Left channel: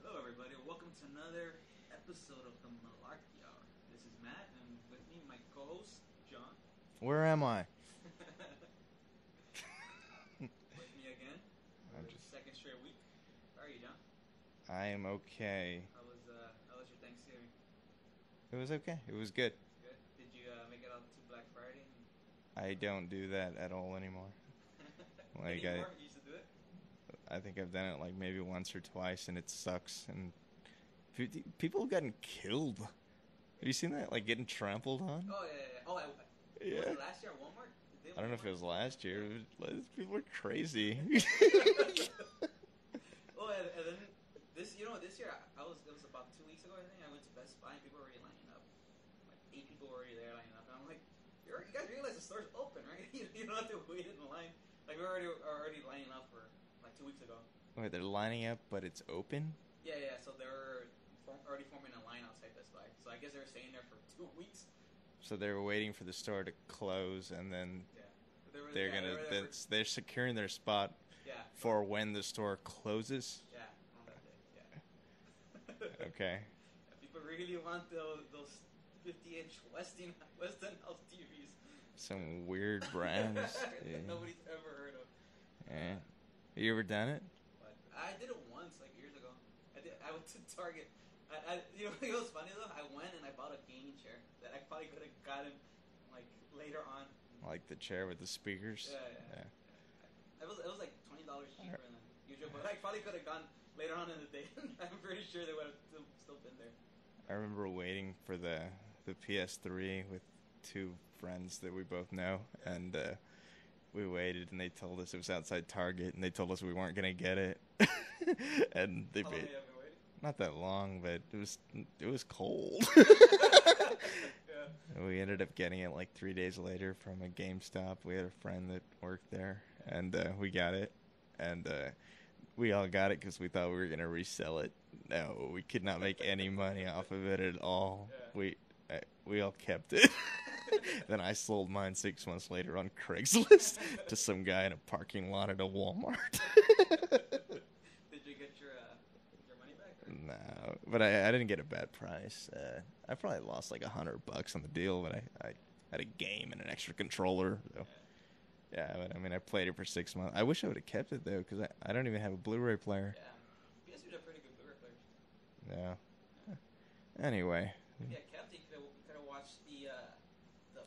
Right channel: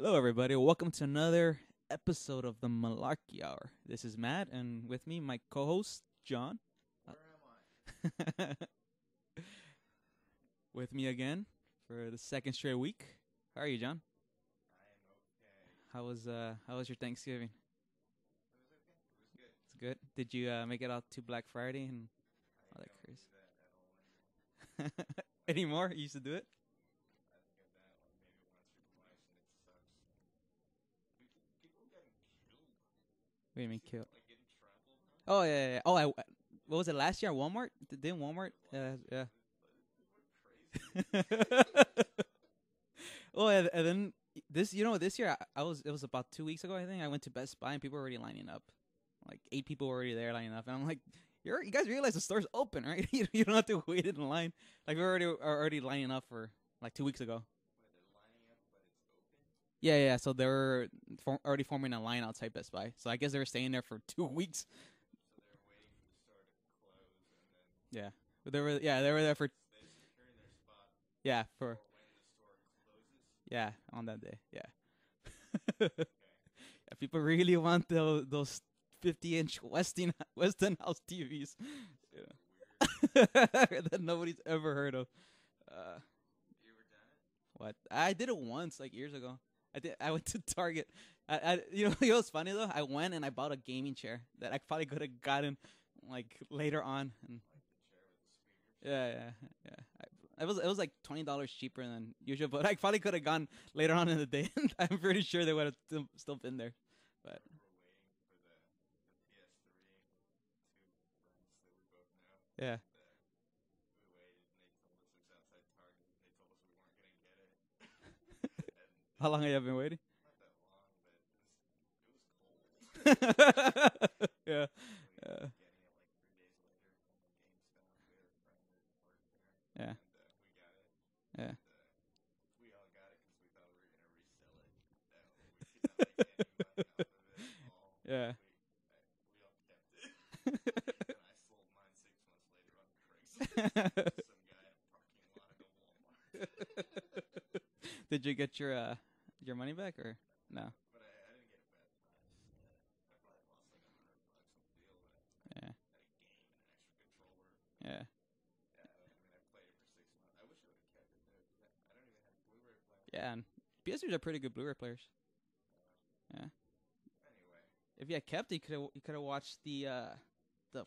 Hello, everybody. Welcome to another episode of the Malarkey Hour. This is Matt, and with me, my co-host, John. Where am I? With me again for the second straight week. How are you, John? I am okay. How was your Thanksgiving? It was okay. It was good. It's good. Did you make it out to Black Friday? I don't do that at all anymore. Like Anymore? You used to do it? I think I've done it like maybe once or twice, and it sucks. And people have gotten killed. Have you seen that? Like getting trampled on? Oh, yeah. Oh, what was it, last year at Walmart? I don't know if it was last year. Yeah. People are crazy. Oh, and then this year, it was about 2 weeks ago, I think. I went to Best Buy, and people were already lining up. Like, 8 people were already there lining up. And I'm like, you guys realize the store's open, right? You don't have to wait in line. Like, we are already lining up for, like, 2 weeks ago. Wait, they're lining up, but it's open? Yeah. So they were already forming a line outside Best Buy. So I guess they were staying there for 2 weeks. So they were waiting for the store to close, and then They were there for. They're securing their spot. Yeah. For when the store closes. Yeah, on that day. Yeah. Okay. If people really want those 50-inch Westinghouse TVs. Some weird brands that nobody's ever heard of. Yeah. You ever done it? What? I did it once, like years ago. I went to Target. You know what's funny though? I went and I bought a gaming chair that I probably could have gotten like later on. Like the chair with the speakers. Yeah. It was like $20 cheaper than usual, but I probably could have gone later on in the day. I'm pretty sure they would have still been there. I remember waiting for the PS3 with two friends that we both know, and we waited, and they told us it was outside Target, and they told us we weren't gonna get it. And how long have you been waiting? Not that long, but it was cold. Yeah. And we ended up getting it like 3 days later from a GameStop. We had a friend that worked there, and we got it, and we all got it because we thought we were gonna resell it. No, we could not make any money off of it at all. Yeah. We all kept it. Then I sold mine 6 months later on Craigslist to some guy in a parking lot at a Walmart. Did you get your money back or no? But I didn't get a bad price. I probably lost like $100 on the deal, but I had a game and an extra controller. So. Yeah, but I mean, I played it for 6 months. I wish I would have kept it though, because I don't even have a Blu-ray player. Yeah, and PS3s are pretty good Blu-ray players. Yeah. Anyway, if you had kept it, you could have watched the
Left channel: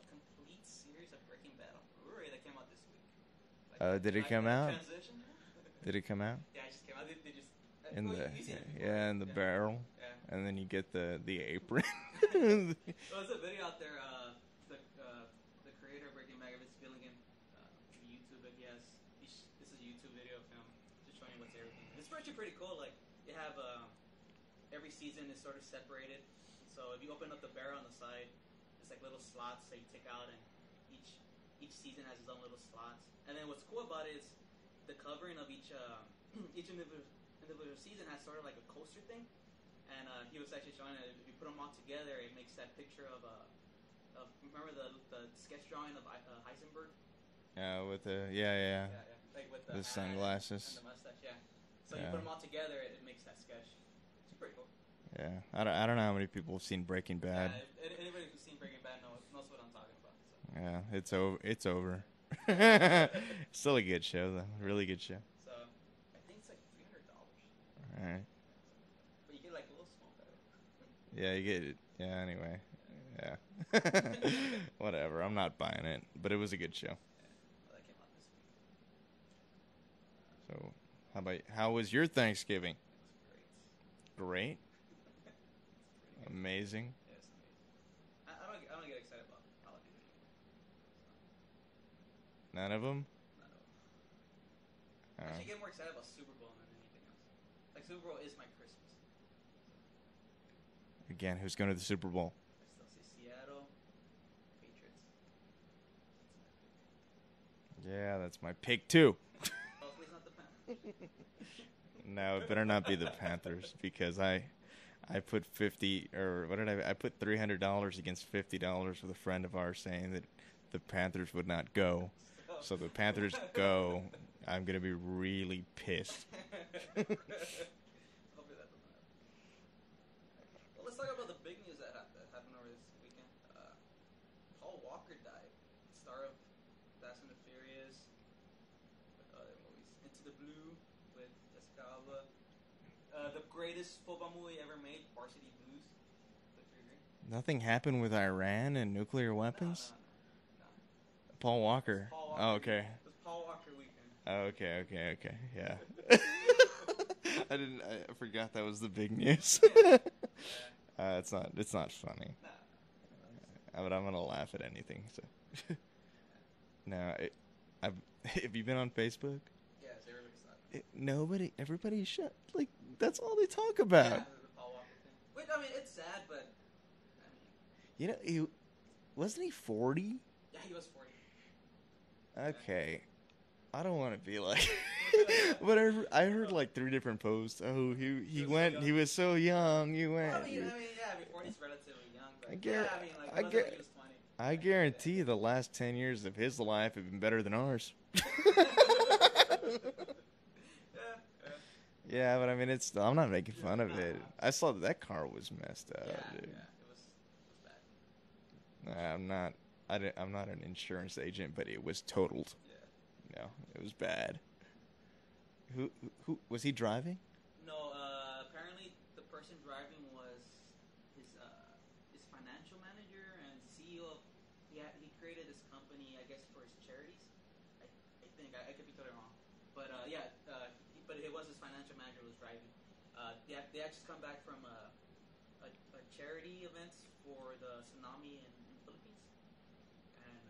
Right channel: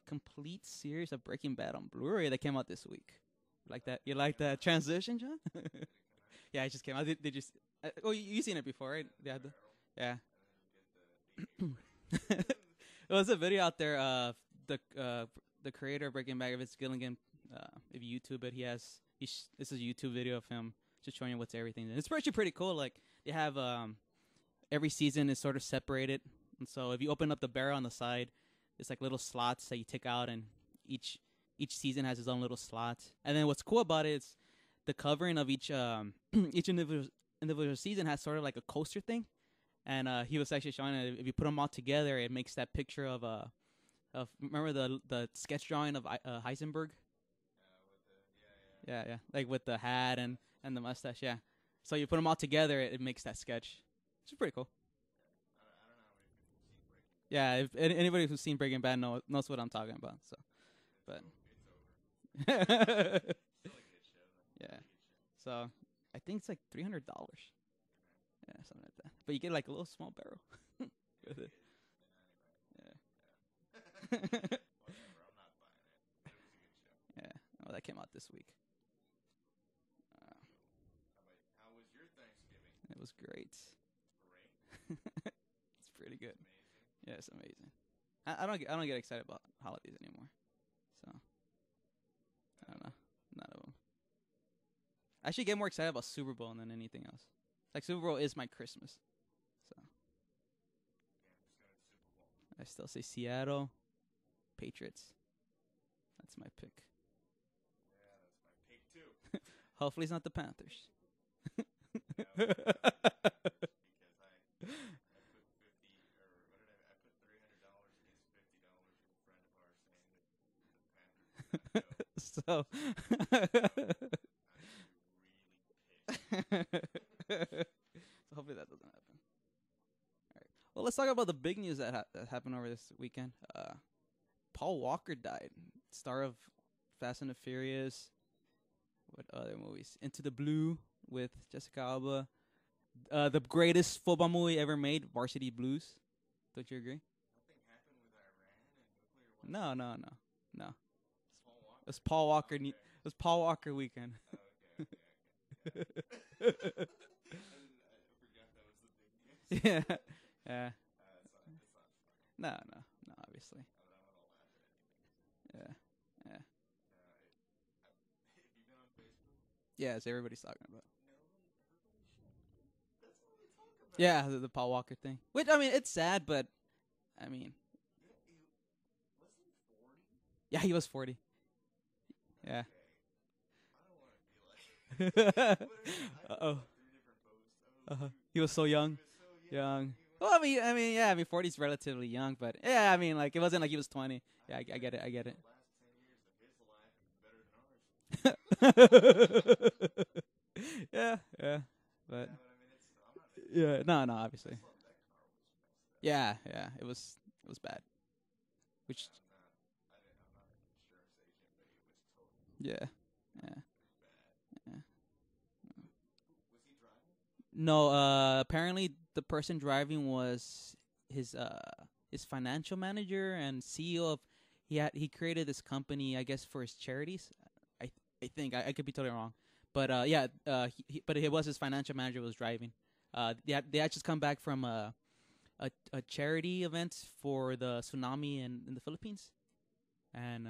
complete series of Breaking Bad on Blu-ray that came out this week. Like that? Did it come out? Transition, John? Did it come out? Yeah, it just came out. They just. You've seen it before, yeah, right? And the barrel. Yeah. And then you get the apron. There was a video out there. The creator of Breaking Bad, Vince Gilligan, if you YouTube it, this is a YouTube video of him just showing you what's everything. It's actually pretty cool. Like they have every season is sort of separated, and so if you open up the barrel on the side, it's like little slots that you take out, and each season has its own little slots. And then what's cool about it is the covering of each individual season has sort of like a coaster thing, and he was actually showing that if you put them all together, it makes that picture of remember the sketch drawing of Heisenberg. With the like with the hat and the mustache. Yeah, so you put them all together, it makes that sketch. It's pretty cool. Yeah, I don't know how many people have seen Breaking Bad. Yeah, if anybody who's seen Breaking Bad knows what I'm talking about. So yeah, it's over. Still a good show though, really good show. So I think it's like $300. All right. Yeah, something like that. But you get like a little small barrel. Yeah, you get it. Yeah. Anyway. Yeah. Whatever. I'm not buying it, but it was a good show. Yeah. Well, that came out this week. So, how was your Thanksgiving? It was great. Great. It's pretty good. Amazing. Yeah, it's amazing. I don't get excited about holidays anymore. So. None of them. None of them. I actually get more excited about Super Bowl than anything else. Like Super Bowl is my Christmas. So. Again, who's going to the Super Bowl? I still say Seattle, Patriots. That's my pick. Yeah, that's my pick too. Hopefully it's not the Panthers. No, it better not be the Panthers because I put I put $300 against $50 with a friend of ours saying that the Panthers would not go. So the Panthers go. I'm gonna be really pissed. Hopefully that doesn't happen. Well, let's talk about the big news that happened over this weekend. Paul Walker died, star of Fast and the Furious. What other movies? Into the Blue with Jessica Alba. The greatest football movie ever made, Varsity Blues. Don't you agree? Nothing happened with Iran and nuclear weapons? No. Paul Walker. It's Paul Walker. Oh, okay. It was Paul Walker weekend. Oh, okay. Yeah. I forgot that was the big news. Yeah. It's not funny. No, obviously. But I'm gonna laugh at anything. So. Yeah. No, have you been on Facebook? Yes, everybody's talking about it. Everybody shut. Like, that's all they talk about. Yeah, the Paul Walker thing. Which, I mean, it's sad, but, I mean. You know, wasn't he 40? Yeah, he was 40. Okay. Yeah. I don't want to be like. But I heard like 3 different posts. Oh, he was so young. He was so young. You went. Well, I mean, 40 is relatively young, but I mean, like, it wasn't like he was 20. I guarantee you the last 10 years of his life have been better than ours. Yeah. Yeah, but I mean, I'm not making fun of it. No, obviously. I saw that car was messed up. Yeah, it was bad. I'm not an insurance agent, but it was totaled. Yeah. No, it was bad. Yeah. Who was he driving? No, apparently the person driving was his financial manager and CEO of. He created this company, I guess, for his charities. I think I could be totally wrong, but but it was his financial manager who was driving. They had just come back from a charity event for the tsunami in the Philippines, and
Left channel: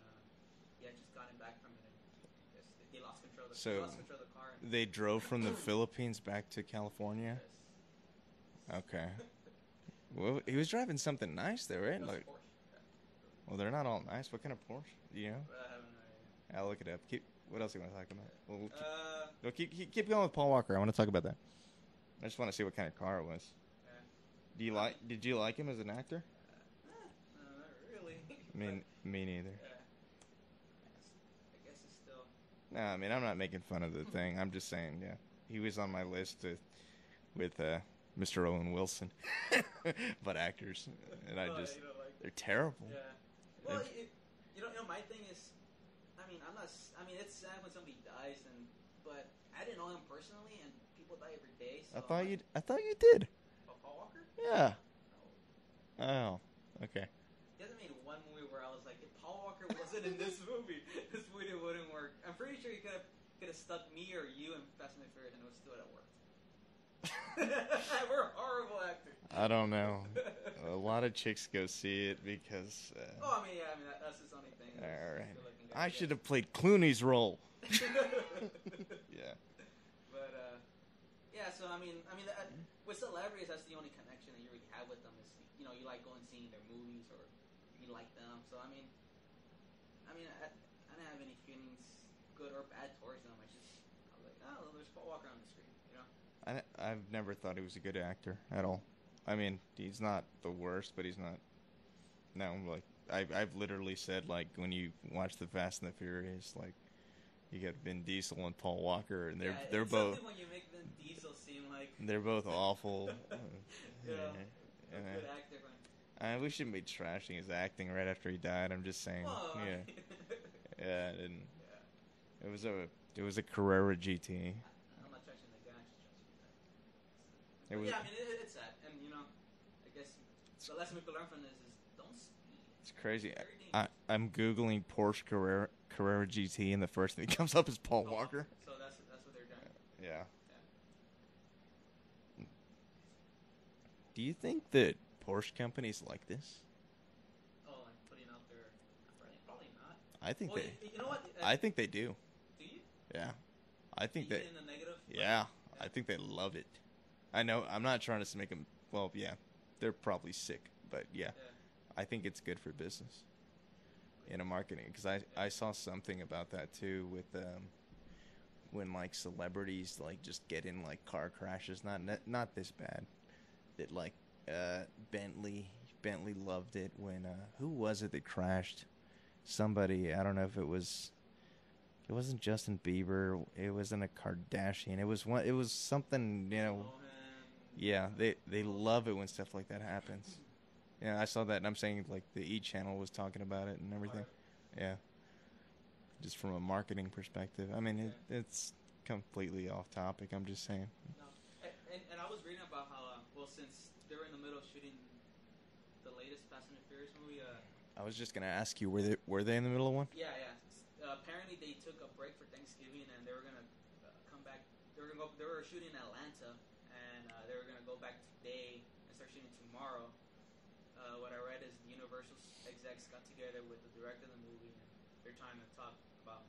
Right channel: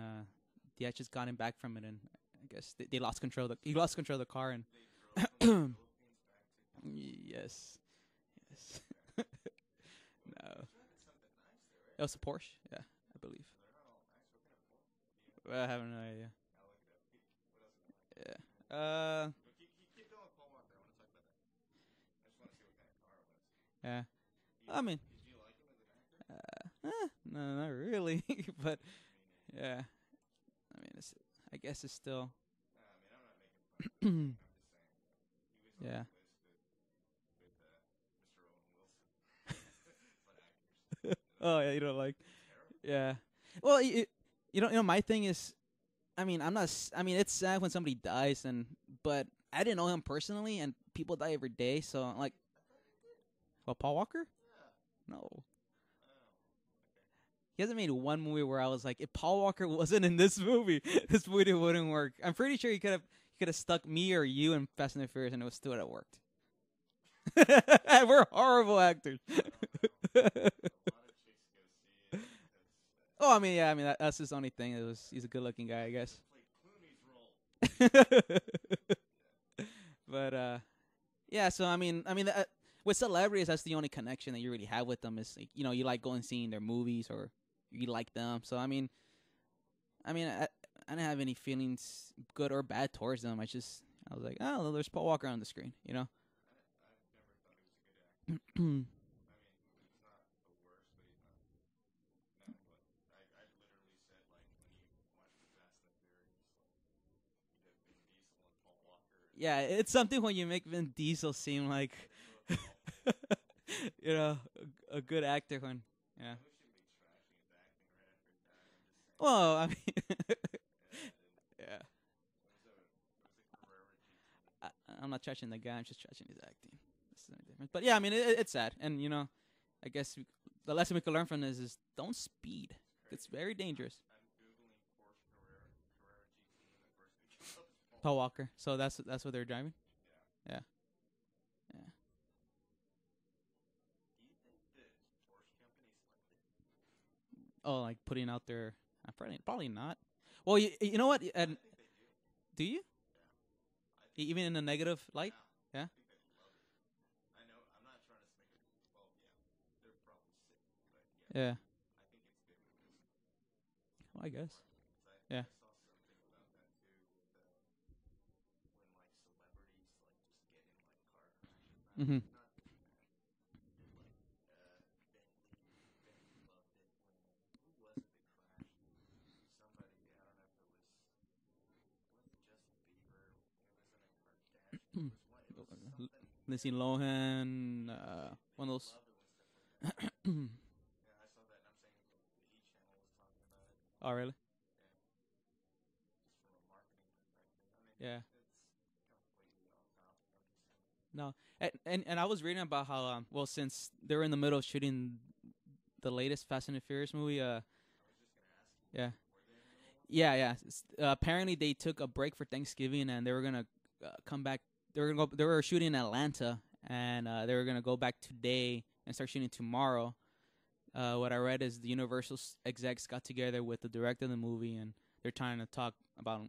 they had just gotten back from it, and I guess they lost control. He lost control of the car, and they drove from the Philippines back to California. Yes. Okay. Well, he was driving something nice there, right? It was a Porsche. Yeah, I believe. Well, they're not all nice. What kind of Porsche? Do you know? Well, I have no idea. I'll look it up. What else do you want to talk about? Yeah. Well, keep going with Paul Walker. I want to talk about that. I just want to see what kind of car it was. Yeah. Did you like him as an actor? No, not really. But me neither. Yeah. I mean, I guess it's still. No, I mean, I'm not making fun of the thing. I'm just saying, yeah, he was on my list with Mr. Owen Wilson, but actors. And you don't like? They're terrible. Yeah. Well, you know, my thing is, I mean, I mean, it's sad when somebody dies, but I didn't know him personally, and people die every day. So I thought you did. Oh, Paul Walker? Yeah. No. Oh, okay. He hasn't made one movie where I was like, if Paul Walker wasn't in this movie, this movie wouldn't work. I'm pretty sure he could have stuck me or you in Fast and the Furious, and it would still have worked. We're horrible actors. I don't know. A lot of chicks go see it because. I mean, that's his only thing. He's a good-looking guy. I should have played Clooney's role. Yeah. But yeah. So I mean, with celebrities, that's the only connection that you really have with them. Is you like going and seeing their movies or you like them. So I didn't have any feelings, good or bad, towards them. I was like, oh, there's Paul Walker on the screen. I've never thought he was a good actor at all. I mean, he's not the worst, but he's not. No, like I've literally said, like, when you watch the Fast and the Furious, like, you get Vin Diesel and Paul Walker. And they're it's both, something when you make Vin Diesel seem like they're both awful. A good actor. When we shouldn't be trashing his acting right after he died. I'm just saying. Well, I mean, it didn't. Yeah, it was a Carrera GT. I'm not trashing the guy. I'm just trashing his acting. But yeah, I mean, it's sad, and I guess the lesson we could learn from this is don't speed. It's crazy. It's very dangerous. I'm googling Porsche Carrera GT, and the first thing that comes up is Paul Walker. So that's what they're driving. Yeah. Do you think that Porsche companies like this? Oh, like putting out their probably not. I think. Well, you know what? I think they do. Do you? Yeah. I think even in a negative light? Yeah. I think they love it. I know. I'm not trying to make them. Well, yeah, they're probably sick, but yeah. I think it's good for business in a marketing because I saw something about that too with when like celebrities like just get in like car crashes, not this bad. That like Bentley loved it when who was it that crashed? Somebody, I don't know if it wasn't Justin Bieber. It wasn't a Kardashian. It was something. Lindsay Lohan. Yeah, Yeah, they one of love it when stuff like that happens. Yeah, I saw that, and I'm saying like the E channel was talking about it and everything. Oh, really? Yeah, just from a marketing perspective. I mean, Yeah. it's completely off topic. I'm just saying. No, and I was reading about how well, since they were in the middle of shooting the latest Fast and the Furious movie. I was just gonna ask you, Yeah. were they in the middle of one? Yeah. Apparently, they took a break for Thanksgiving, and they were gonna come back. They were gonna go. They were shooting in Atlanta, and they were gonna go back today and start shooting tomorrow. What I read is the Universal execs got together with the director of the movie, and they're trying to talk about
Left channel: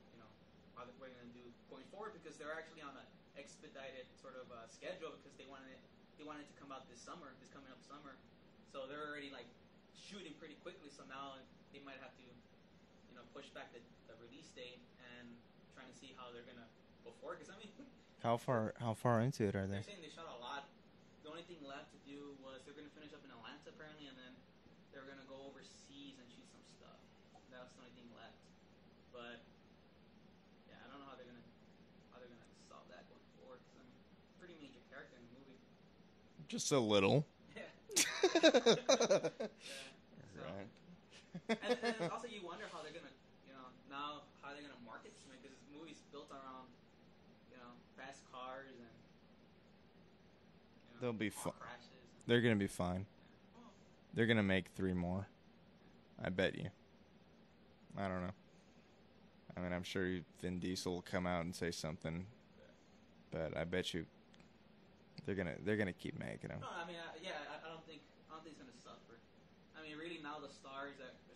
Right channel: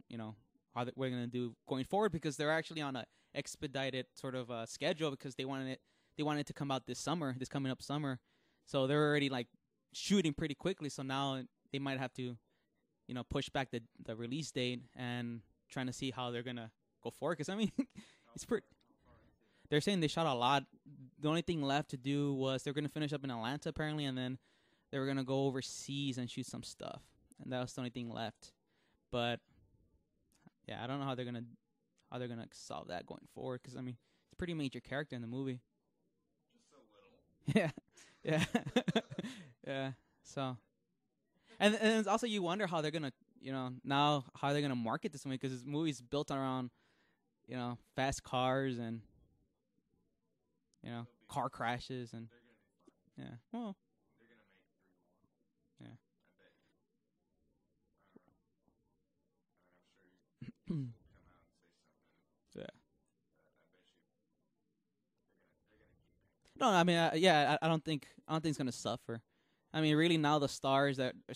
how we're gonna do going forward, because they're actually on a expedited sort of schedule, because they wanted it to come out this coming up summer, so they're already like shooting pretty quickly. So now they might have to push back the release date and trying to see how they're gonna go forward. Because I mean, how far into it are they? They're saying they shot a lot. The only thing left to do was they're gonna finish up in Atlanta apparently, and then they were gonna go overseas and shoot some stuff, and that was the only thing left. But yeah, I don't know how they're gonna solve that going forward, because I mean, it's a pretty major character in the movie. Just a little. Yeah. Yeah. Yeah. So, Right. and it's also, you wonder how they're gonna, now how they're gonna market this movie, because this movie's built around, fast cars and, They'll be car crashes, and they're gonna be fine. yeah. Well, They're gonna make 3 more. Yeah. I bet you. I don't know. I mean, I'm sure Vin Diesel will come out and say something. Yeah. But I bet you they're gonna keep making them. no, I mean, I don't think it's gonna suffer. I mean, really, now the stars that are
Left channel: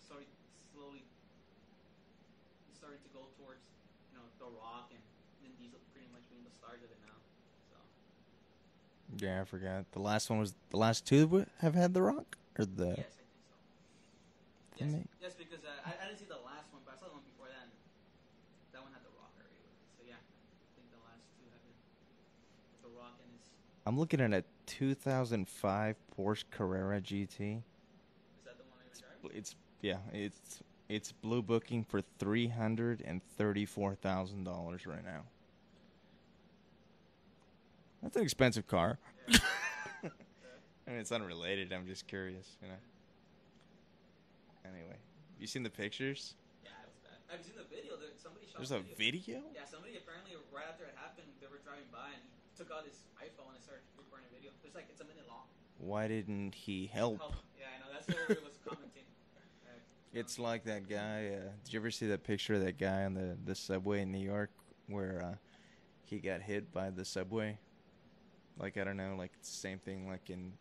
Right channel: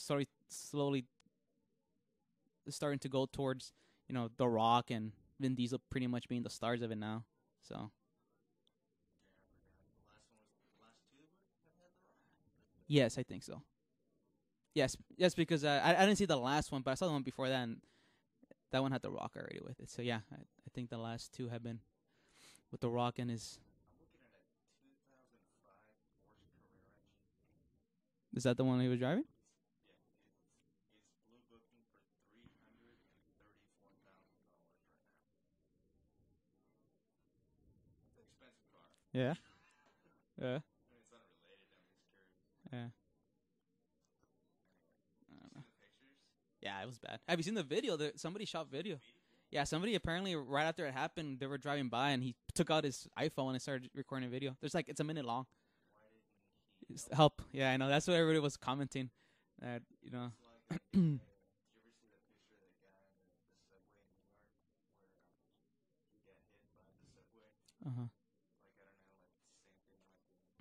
slowly starting to go towards, The Rock and Vin Diesel pretty much being the stars of it now. So. Yeah, I forgot. The last 2 have had The Rock, or the Yes, I think so. Yes, because I didn't see the last one, but I saw the one before that, and that one had The Rock already with it. So yeah, I think the last 2 have been with The Rock and his. I'm looking at a 2005 Porsche Carrera GT. Is that the one he was driving? It's blue booking for $334,000 right now. That's an expensive car. Yeah. Yeah. I mean, it's unrelated. I'm just curious. Yeah. Anyway, you seen the pictures? Yeah, it was bad. Have you seen the video? Somebody shot There's video. a video? Yeah, somebody apparently right after it happened, they were driving by and he took out his iPhone and started recording a video. It's a minute long. Why didn't he help? Help. Yeah, I know. That's what everybody was commenting. That, It's like that guy. Did you ever see that picture of that guy on the subway in New York where he got hit by the subway? Uh-huh. Like, I don't know, like the same thing like in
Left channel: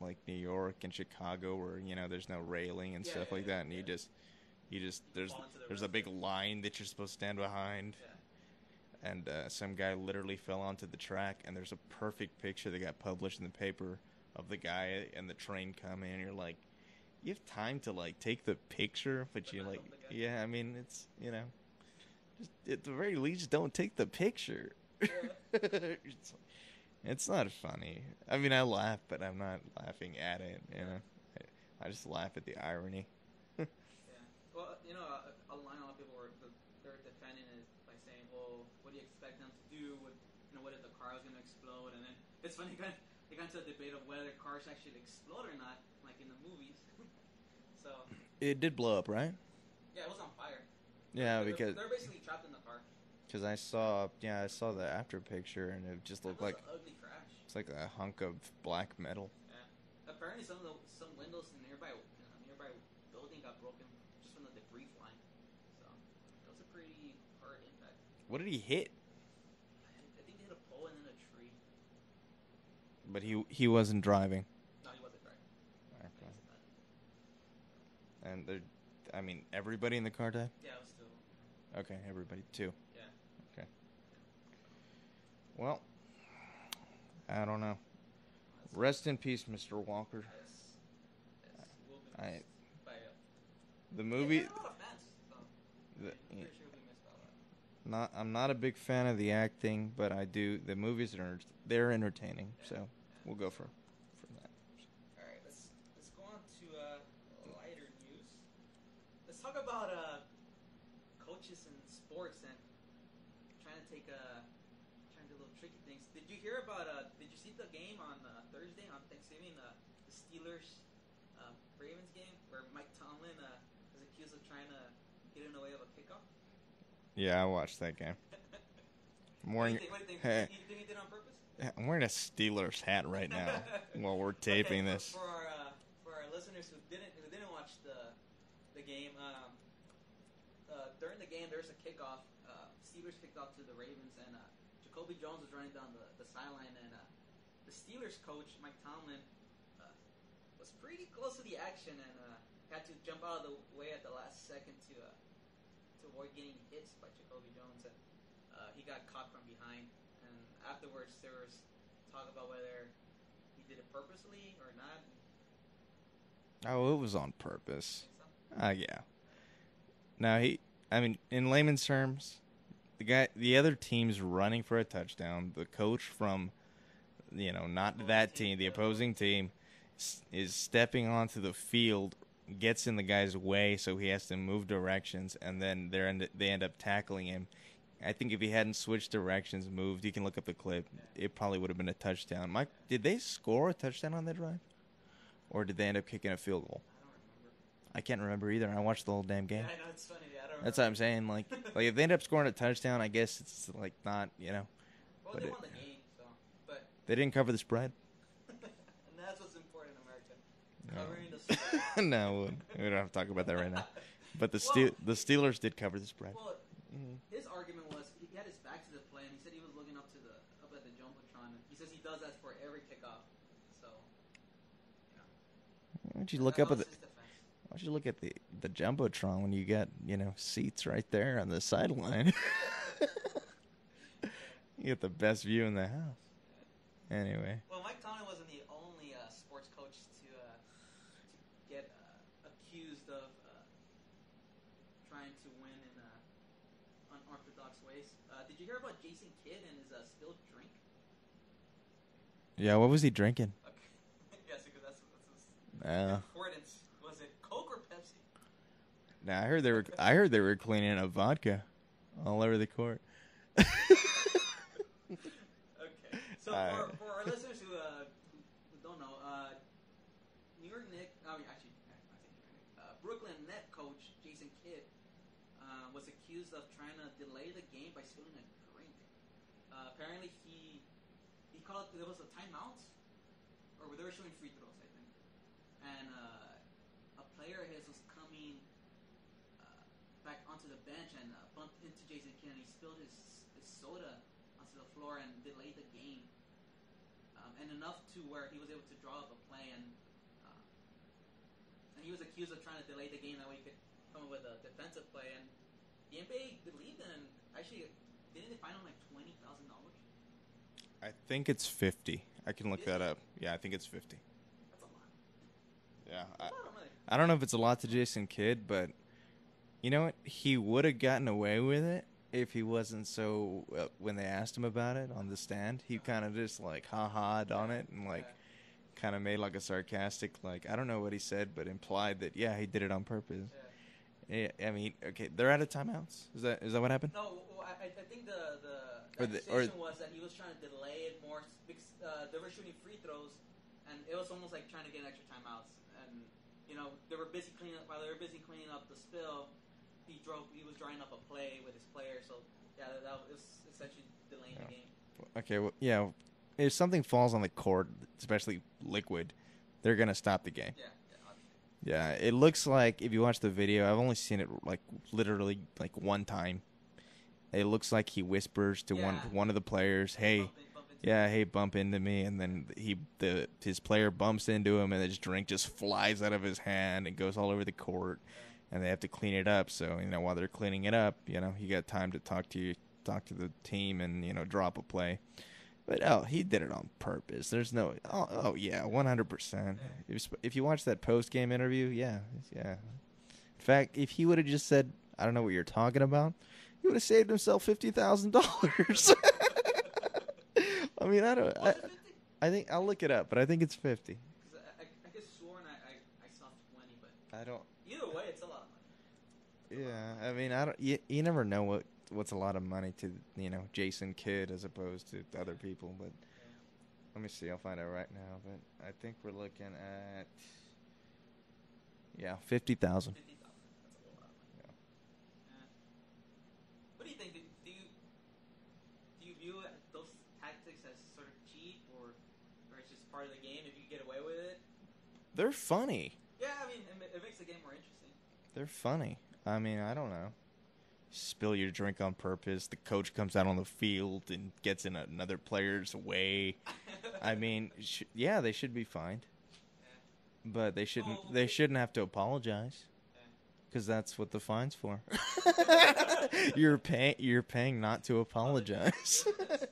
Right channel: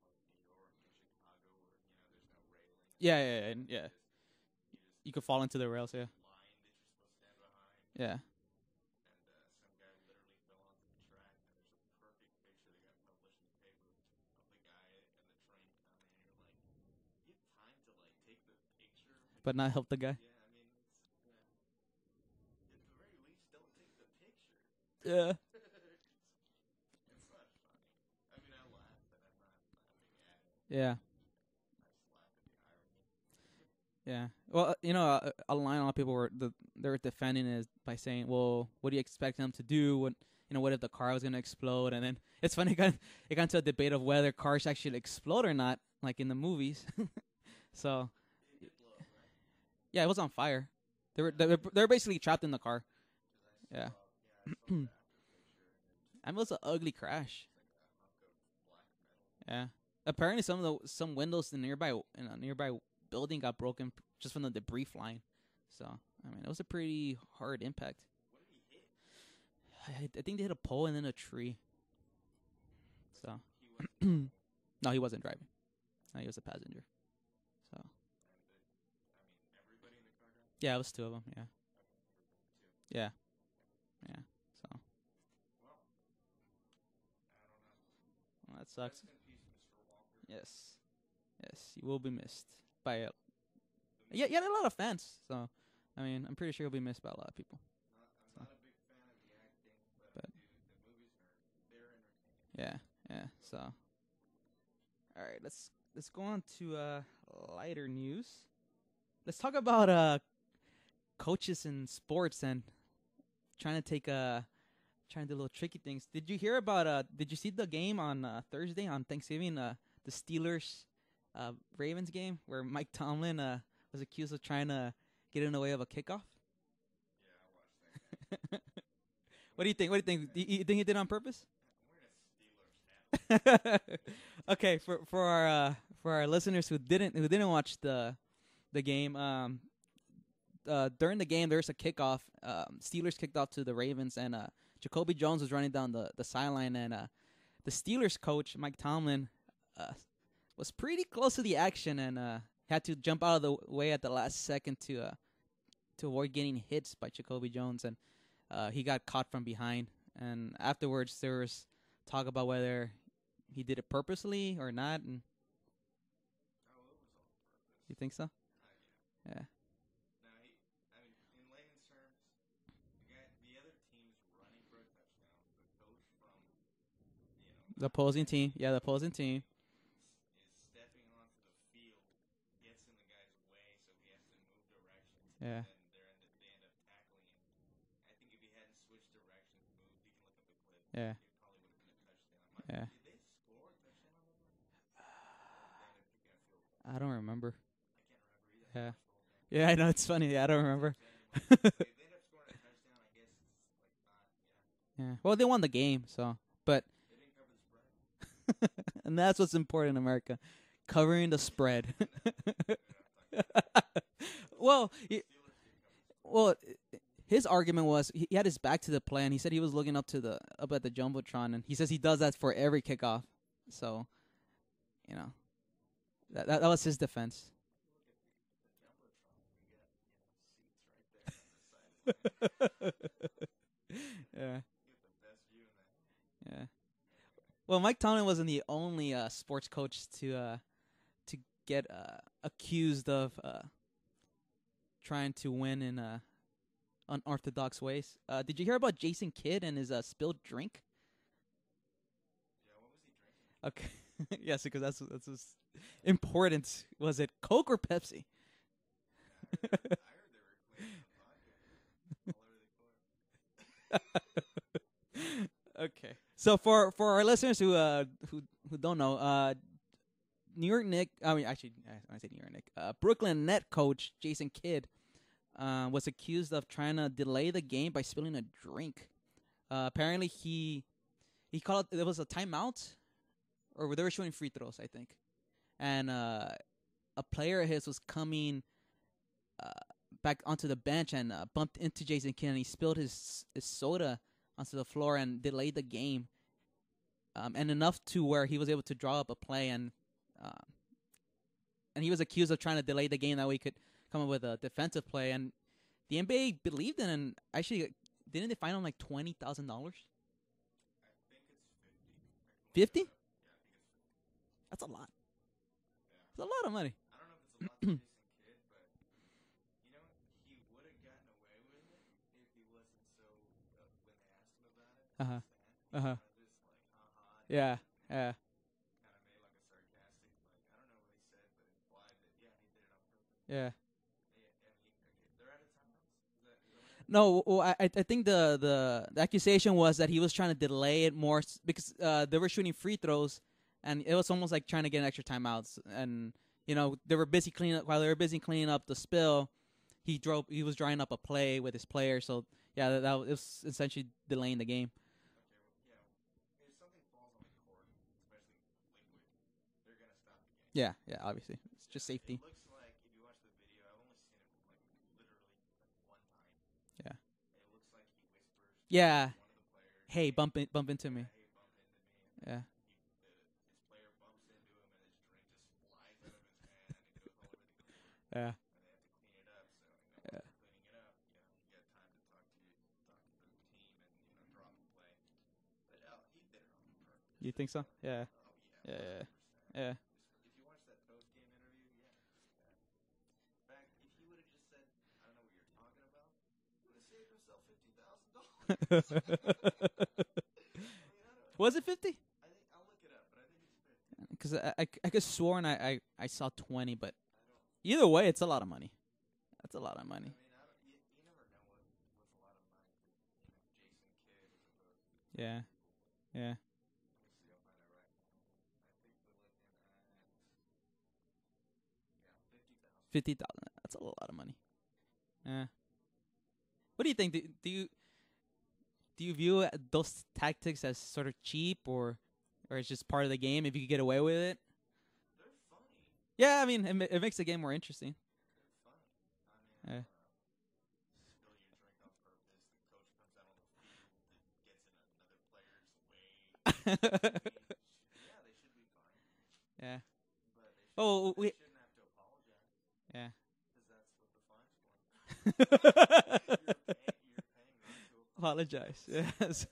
like New York and Chicago where, there's no railing and stuff like that. And you can fall into the rails. There's a big line that you're supposed to stand behind. Yeah. And some guy literally fell onto the track, and there's a perfect picture that got published in the paper of the guy and the train coming, and you're like, you have time to like take the picture, but not like, help the guy. Yeah, I mean, it's just at the very least, don't take the picture. Yeah. It's not funny. I mean, I laugh, but I'm not laughing at it. Yeah. I just laugh at the irony. Yeah. Well, a line a lot of people they were defending it by saying, "Well, what do you expect them to do? What if the car was gonna explode?" And then it's funny, it got into a debate of whether cars actually explode or not, like in the movies. So it did blow up, right? Yeah, it was on fire. They're basically trapped in the car. Because I saw the after picture, and it just looked like an ugly crash. It's like a hunk of black metal. Yeah. Apparently, some windows in a nearby building got broken just from the debris flying. So I mean, it was a pretty hard impact. What did he hit? I think they hit a pole and then a tree. But he wasn't driving. No, he wasn't driving. No, he was a passenger. So. And everybody in the car died? Yeah, it was 2 of them. Yeah. Okay, everybody 2. Yeah. Okay. Yeah. So. Well, I don't know. Rest in peace, Mr. Walker. Yes. He will be missed by it. The movie. Yeah, he had a lot of fans. So, I mean, I'm pretty sure he'll be missed by a lot of people. I'm not a big fan of the acting, but I do. The movies they're entertaining. Yeah. So yeah. We'll go from All that. right. Let's go on to lighter news. Let's talk about coaches in sports and trying to trying to do little tricky things. Did you hear about? Did you see the game on Thursday on Thanksgiving? The Steelers Ravens game where Mike Tomlin was accused of trying to get in the way of a kickoff. Yeah, I watched that game. What do you think? You think he did it on purpose? I'm wearing a Steelers hat right now while we're taping this. For our listeners who didn't watch the game, during the game there's a kickoff. Steelers kicked off to the Ravens, and Jacoby Jones was running down the sideline, and the Steelers coach Mike Tomlin was pretty close to the action, and had to jump out of the way at the last second to avoid getting hits by Jacoby Jones, and he got caught from behind. And afterwards, there was talk about whether he did it purposely or not. And oh, it was on purpose. You think so? Yeah. Now in layman's terms, the other team's running for a touchdown. The coach from, not that team, the opposing team, is stepping onto the field, gets in the guy's way, so he has to move directions, and then they end up tackling him. I think if he hadn't switched directions, moved, you can look up the clip, it probably would have been a touchdown. Mike, did they score a touchdown on that drive? Or did they end up kicking a field goal? I don't remember. I can't remember either. I watched the whole damn game. Yeah, I know. It's funny. Yeah, I don't remember. That's what I'm saying. Like if they end up scoring a touchdown, I guess it's like not, Yeah. Well, they won the game, so. But they didn't cover the spread. And that's what's important in America. Covering the spread. No, we don't have to talk about that right now. But the Steelers did cover the spread. Well, his argument was he had his back to the play, and he said he was looking up at the jumbotron, and he says he does that for every kickoff. So, that was his defense. Why don't you look at the jumbotron when you got seats right there on the sideline? Yeah, you get the best view in the house. Yeah. Anyway. Well, Mike Tomlin wasn't the only sports coach to get accused of trying to win in unorthodox ways. Did you hear about Jason Kidd and his spilled drink? Yeah, what was he drinking? Okay. Yes, because that's important. Was it Coke or Pepsi? Nah, I heard they were cleaning up vodka all over the court. Okay. So for our listeners who don't know, New York Knicks. I say New York Knicks. Brooklyn Net coach Jason Kidd was accused of trying to delay the game by spilling a drink. Apparently, he called it. There was a timeout, or they were shooting free throws, I think, and a player of his was coming back onto the bench and bumped into Jason Kidd, and he spilled his soda onto the floor and delayed the game, and enough to where he was able to draw up a play, and he was accused of trying to delay the game that way he could come up with a defensive play, and the NBA believed in, and actually didn't they fine him like $20,000? I think it's 50. I can look 50? that up. Yeah, I think it's 50. That's a lot. Yeah, it's a lot of money. I don't know if it's a lot to Jason Kidd, but you know what? He would have gotten away with it if he wasn't so. When they asked him about it on the stand, he kind of just like ha-ha'd on it and like kind of made like a sarcastic, like, I don't know what he said, but implied that he did it on purpose. Yeah. I mean, okay, they're out of timeouts. Is that what happened? No, well, I think the accusation was that he was trying to delay it more because they were shooting free throws, and it was almost like trying to get an extra timeouts. And they were busy cleaning up the spill. He was drawing up a play with his player. So that was essentially delaying the game. Okay, well, if something falls on the court, especially liquid, they're gonna stop the game. Yeah, obviously. Yeah, it looks like if you watch the video, I've only seen it like literally like one time. Yeah, it looks like he whispers to one of the players, "Hey, bump into me." Hey, bump into me," and then his player bumps into him, and his drink just flies out of his hand and goes all over the court. Yeah, and they have to clean it up. So while they're cleaning it up, you got time to talk to the team, and drop a play. But he did it on purpose. There's no. So? 100%. If you watch that post game interview, yeah. In fact, if he would have just said, "I don't know what you're talking about," he would have saved himself $50,000. I mean, I don't. Was it 50? I think I'll look it up, but I think it's 50. Because I could sworn I saw 20, but I don't. Either way, it's a lot of money. That's a lot of money. I mean, I don't. You never know what what's a lot of money to Jason Kidd as opposed to other people. But yeah. Let me see. I'll find out right now. But I think we're looking at 50,000. 50,000. That's a lot of money. Yeah. What do you think? Do you view those tactics as sort of cheap, or it's just part of the game? If you could get away with it, they're funny. Yeah, I mean, it makes the game more interesting. They're funny. I mean, I don't know. Spill your drink on purpose. The coach comes out on the field and gets in another player's way. I mean, they should be fined. Yeah. But they shouldn't. They shouldn't have to apologize. Yeah. Because that's what the fine's for. You're paying not to apologize. Yes.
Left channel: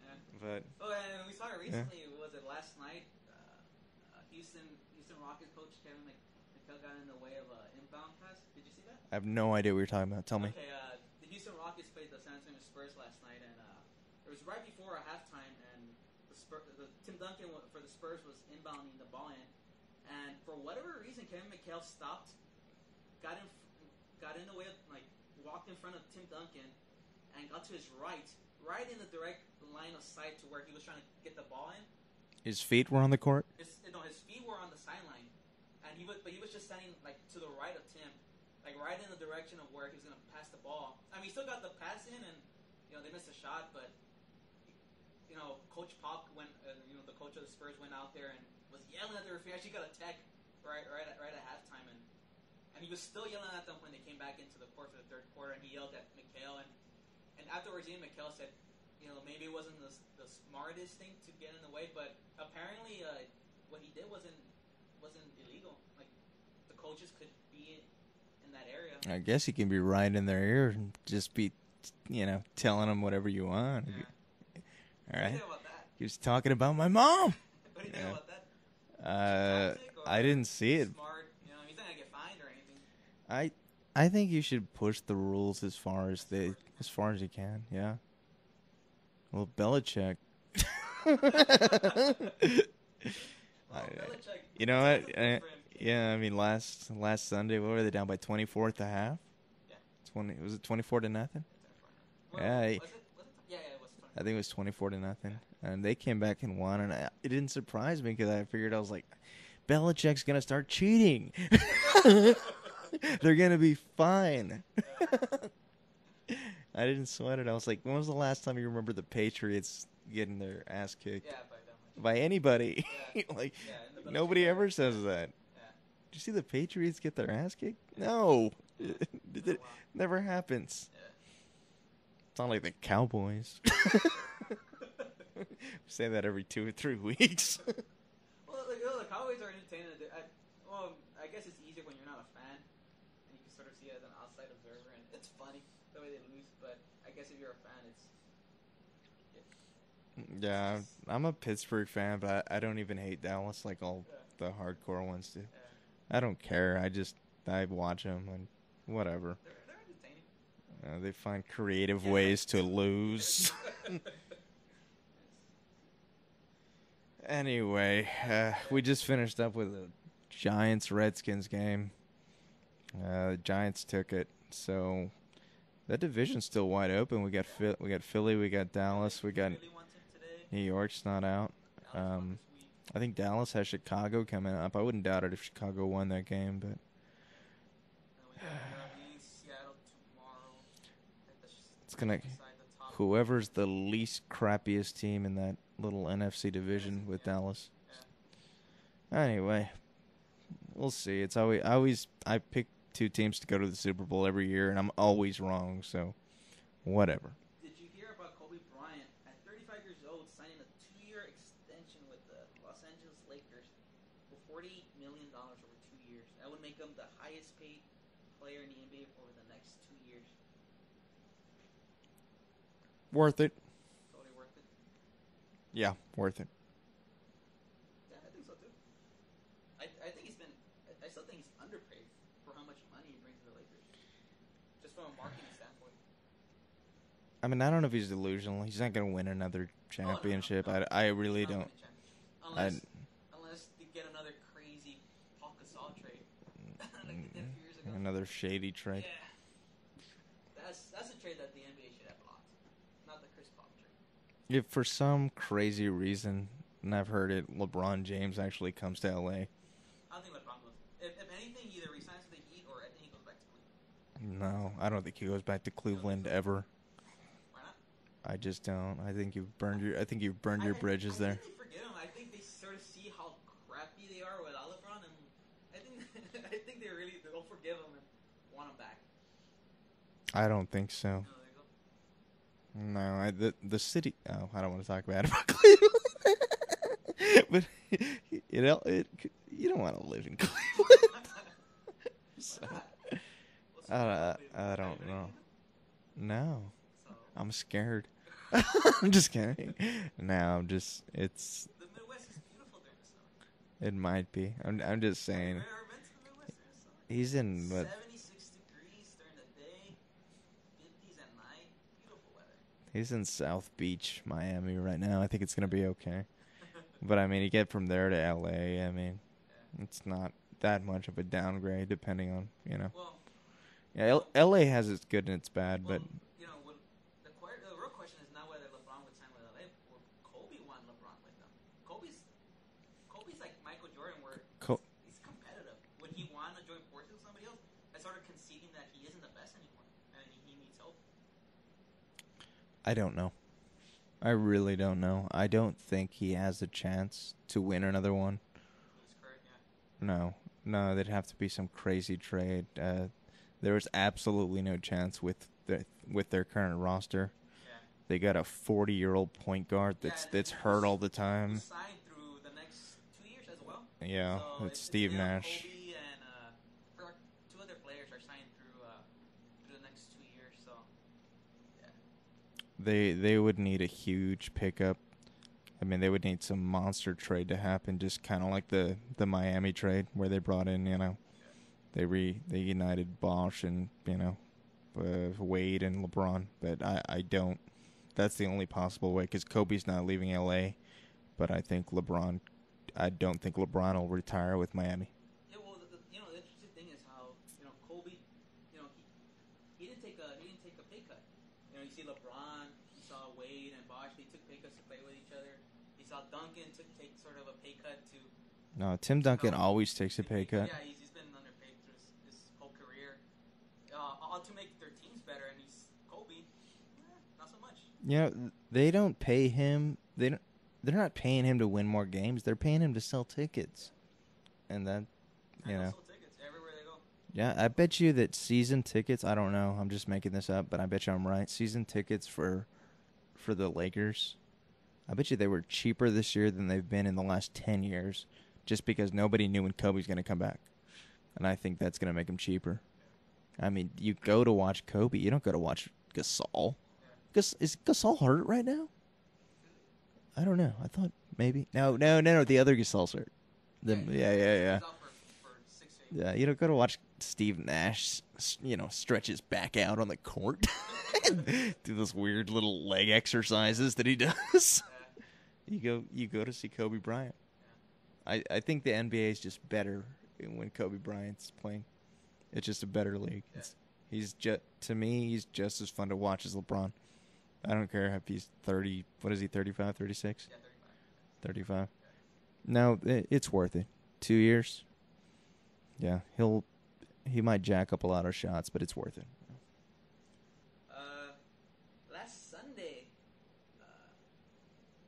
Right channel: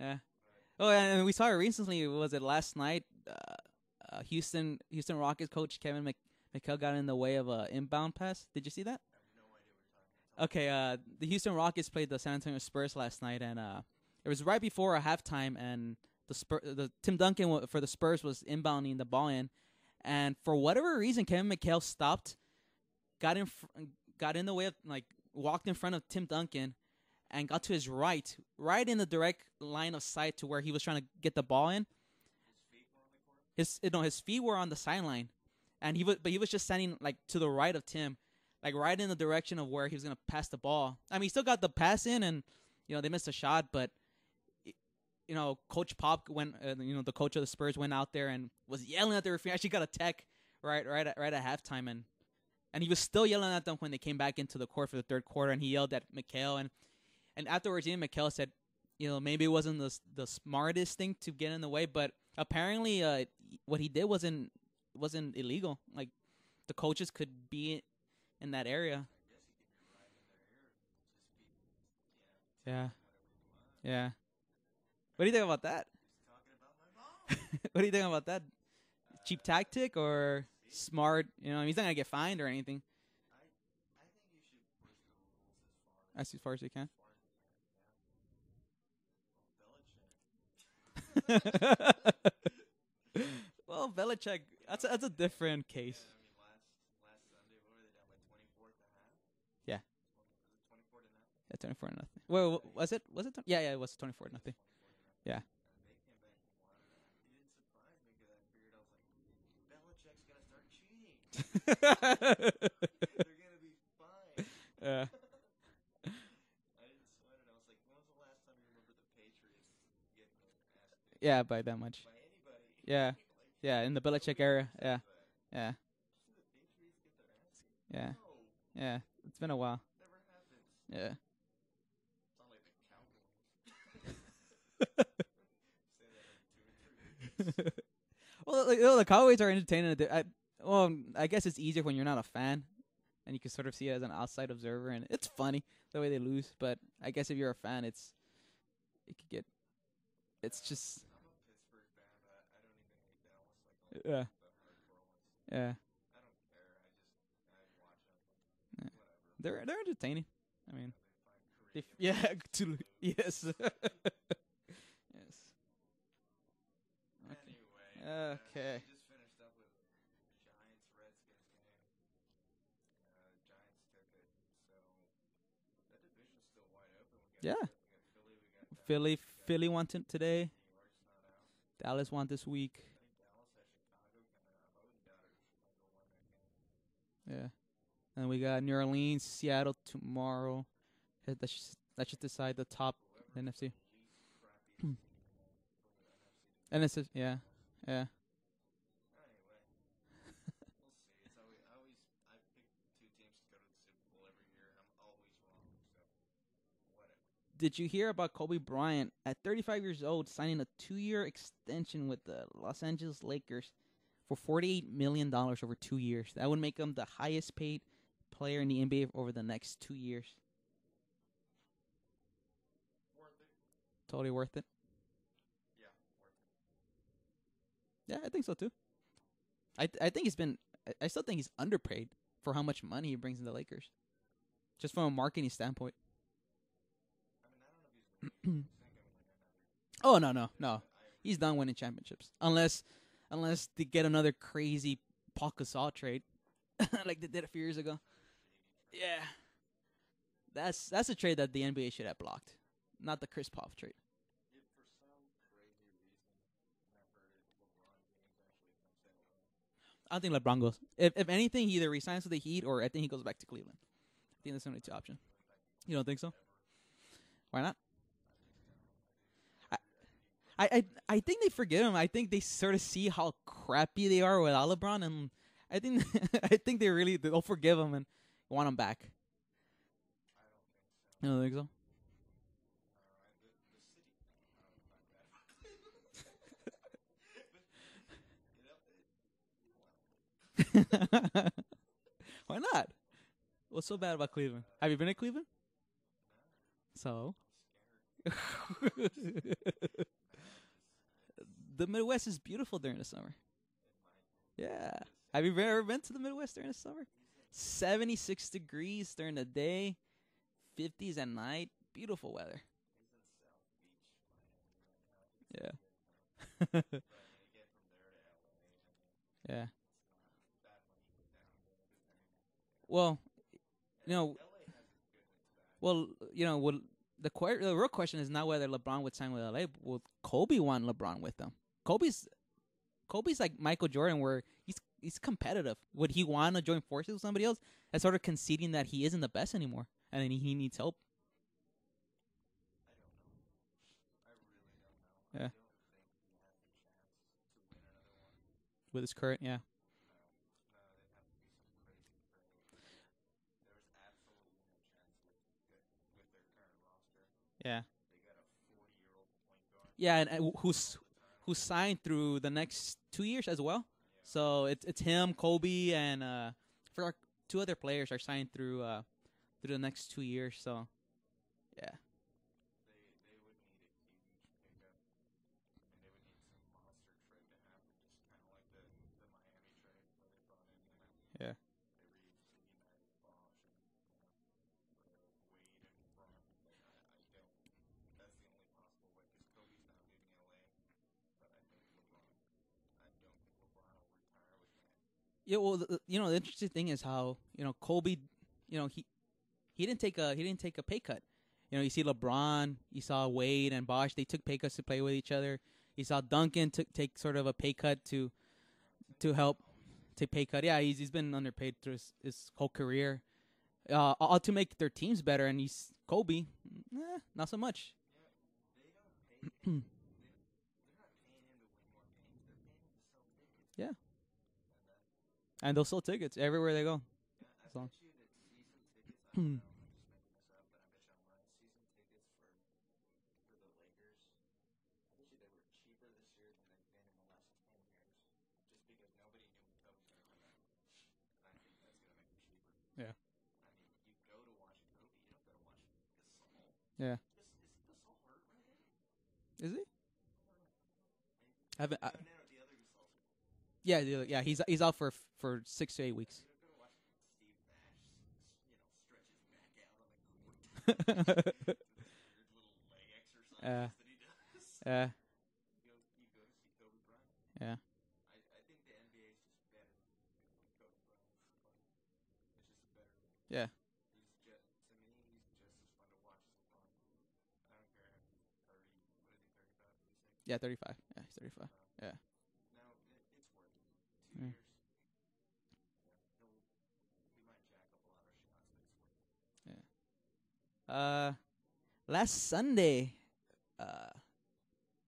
Yeah. But and we saw it recently. Yeah. Was it last night? Houston Rockets coach Kevin McHale got in the way of an inbound pass. Did you see that? I have no idea what you're talking about. Tell me. Okay. The Houston Rockets played the San Antonio Spurs last night, and it was right before a halftime, and the Tim Duncan for the Spurs was inbounding the ball in, and for whatever reason, Kevin McHale stopped, got in the way of, walked in front of Tim Duncan, and got to his right in the direct line of sight to where he was trying to get the ball in. His feet were on the court? His feet were on the sideline. And he was just standing to the right of Tim, right in the direction of where he was going to pass the ball. I mean, he still got the pass in, and they missed a shot, but Coach Pop went, the coach of the Spurs went out there and was yelling at the referee. Actually got a tech right at halftime, and he was still yelling at them when they came back into the court for the third quarter, and he yelled at McHale, and afterwards, Ian McHale said, maybe it wasn't the smartest thing to get in the way, but apparently what he did wasn't illegal. The coaches could be in that area. I guess he can be right in their ear and just be, telling them whatever you want. Yeah. What do you think about that? He was talking about my mom. What do you think about that? Cheap tactic, or I didn't see it. Smart? He's not gonna get fined or anything. I think you should push the rules as far as you can. Yeah. Well, Belichick. Well, Belichick. That's a different case. Yeah, I mean, last Sunday, what were they down by 24 at the half? Yeah. Was it 24 to nothing? Yeah, 24 to nothing. Well, was it? Yeah, it was 24. I think it was 24 to nothing. Yeah. And they came back and won, and it didn't surprise me because I figured, I was like, Belichick's gonna start cheating. They're gonna be fine. Yeah. I didn't sweat it. I was like, when was the last time you remember the Patriots getting their ass kicked? Yeah, by that much. By anybody. Yeah. In the Belichick nobody era. ever says that. Yeah. Did you see the Patriots get their ass kicked? Yeah. No. Yeah. It's been a while. Never happens. Yeah. It's not like the Cowboys. Say that every 2 or 3 weeks. Well, the Cowboys are entertaining. I guess it's easier when you're not a fan, and you can sort of see it as an outside observer, and it's funny the way they lose. But I guess if you're a fan, it could get. Yeah, I'm a Pittsburgh fan, but I don't even hate Dallas like all the hardcore ones do. Yeah, I don't care. I watch them and whatever. They're entertaining. I mean, they find creative ways to lose. Yes. Anyway, we just finished up with a Giants-Redskins game. The Giants took it, so that division's still wide open. We got we got Philly, we got Dallas, Philly won today. New York's not out. Dallas won this week. I think Dallas has Chicago coming up. I wouldn't doubt it if Chicago won that game, but and we got New Orleans, Seattle tomorrow. That should decide the top. Whoever's NFC. the least crappiest team in that little NFC division with Dallas. Yeah. Anyway, we'll see. It's always I pick 2 teams to go to the Super Bowl every year, and I'm always wrong. So, whatever. Did you hear about Kobe Bryant at 35 years old signing a 2-year extension with the Los Angeles Lakers for $48 million over 2 years? That would make him the highest paid player in the NBA over the next 2 years. Worth it. Totally worth it. Yeah, worth it. Yeah, I think so too. I think I still think he's underpaid for how much money he brings in the Lakers, just from a marketing standpoint. I mean, I don't know if he's delusional. He's not going to win another Oh championship. no. I really he's done winning championships unless they get another crazy Paul Gasol trade like they did a few years ago. Another shady trade. Yeah. That's a trade that the NBA should have blocked, not the Chris Paul trade. If for some crazy reason, and I've heard it, LeBron James actually comes to LA. I don't think LeBron goes. If anything, he either resigns with the Heat or I think he goes back to Cleveland. No, I don't think he goes back to Cleveland so? ever. Why not? I just don't. I think you've burned your bridges I there. think they forget him. I think they sort of see how crappy they are without LeBron, and I think they'll forgive him and want him back. I don't think so. You don't think so? No, the city. Oh, I don't want to talk bad about Cleveland, but you don't want to live in Cleveland. Why not? What's so bad about Cleveland? Have you been to Cleveland? No. So I'm scared. I'm just kidding. No, it's the Midwest is beautiful during the summer. It might be. Yeah. I'm just saying. Have you ever been to the Midwest during the summer? He's in 76 degrees during the day, 50s at night. Beautiful weather. He's in South Beach, Miami right now. I think it's gonna be okay. But I mean, you get from there to LA. I mean, it's not that much of a downgrade, depending on Well, yeah, LA has its good and its bad. Well, the real question is not whether LeBron would sign with LA. Would Kobe want LeBron with them? Kobe's like Michael Jordan, where he's competitive. Would he want to join forces with somebody else? That's sort of conceding that he isn't the best anymore, and he needs help. I don't know. I really don't know. I don't think he has a chance to win another one. With his current, No, there'd have to be some crazy trade. There was absolutely no chance with their current roster. Yeah. They got a 40-year-old point guard that's hurt all the time. Who signed through the next 2 years as well. Yeah. So it's him, Nash. Kobe, and for two other players are signed through the next 2 years. So, yeah. They would need a huge pickup. I mean, they would need some monster trade to happen, just kind of like the Miami trade where they brought in, they united Bosch and, Wade and LeBron. But I don't. That's the only possible way, because Kobe's not leaving L.A., but I don't think LeBron will retire with Miami. Yeah, well, the interesting thing is how, Kobe, he didn't take a pay cut. You see LeBron, you saw Wade and Bosch, they took pay cuts to play with each other. You saw Duncan take sort of a pay cut to... No, Tim Duncan always takes a pay cut. Yeah, he's been underpaid through his whole career. All to make their teams better, and he's Kobe, not so much. They don't pay him. They're not paying him to win more games. They're paying him to sell tickets. Yeah, and they'll sell tickets everywhere they go. Yeah, I bet you that season tickets. I don't know. I'm just making this up, but I bet you I'm right. Season tickets for the Lakers, I bet you they were cheaper this year than they've been in the last 10 years, just because nobody knew when Kobe's going to come back, and I think that's going to make them cheaper. Yeah. I mean, you go to watch Kobe. You don't go to watch Gasol. Yeah. Is Gasol hurt right now? Is he? I don't know. I thought maybe. No. The other Gasol's hurt. He's out for 6 to 8 weeks. Yeah, you don't go to watch Steve Nash, stretch his back out on the court, do those weird little leg exercises that he does. Yeah. You go to see Kobe Bryant. Yeah. I think the NBA is just better when Kobe Bryant's playing. It's just a better league. Yeah. To me, he's just as fun to watch as LeBron. I don't care if he's 30. What is he, 35, 36? Yeah, 35. Yeah, 35. Yeah. No, it's worth it. 2 years. Yeah, he might jack up a lot of shots, but it's worth it. Yeah. Last Sunday,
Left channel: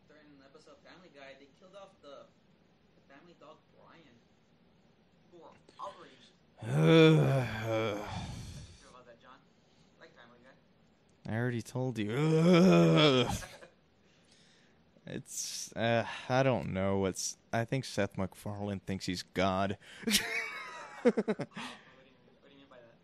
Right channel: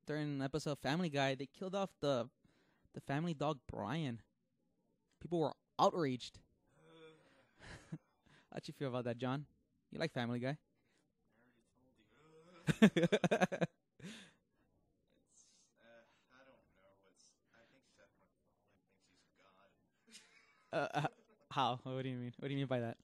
during an episode of Family Guy, they killed off the family dog Brian. People were outraged. How'd you feel about that, John? You like Family Guy? I already told you. It's I don't know. I think Seth MacFarlane thinks he's God. How? What do you mean? What do you mean by that?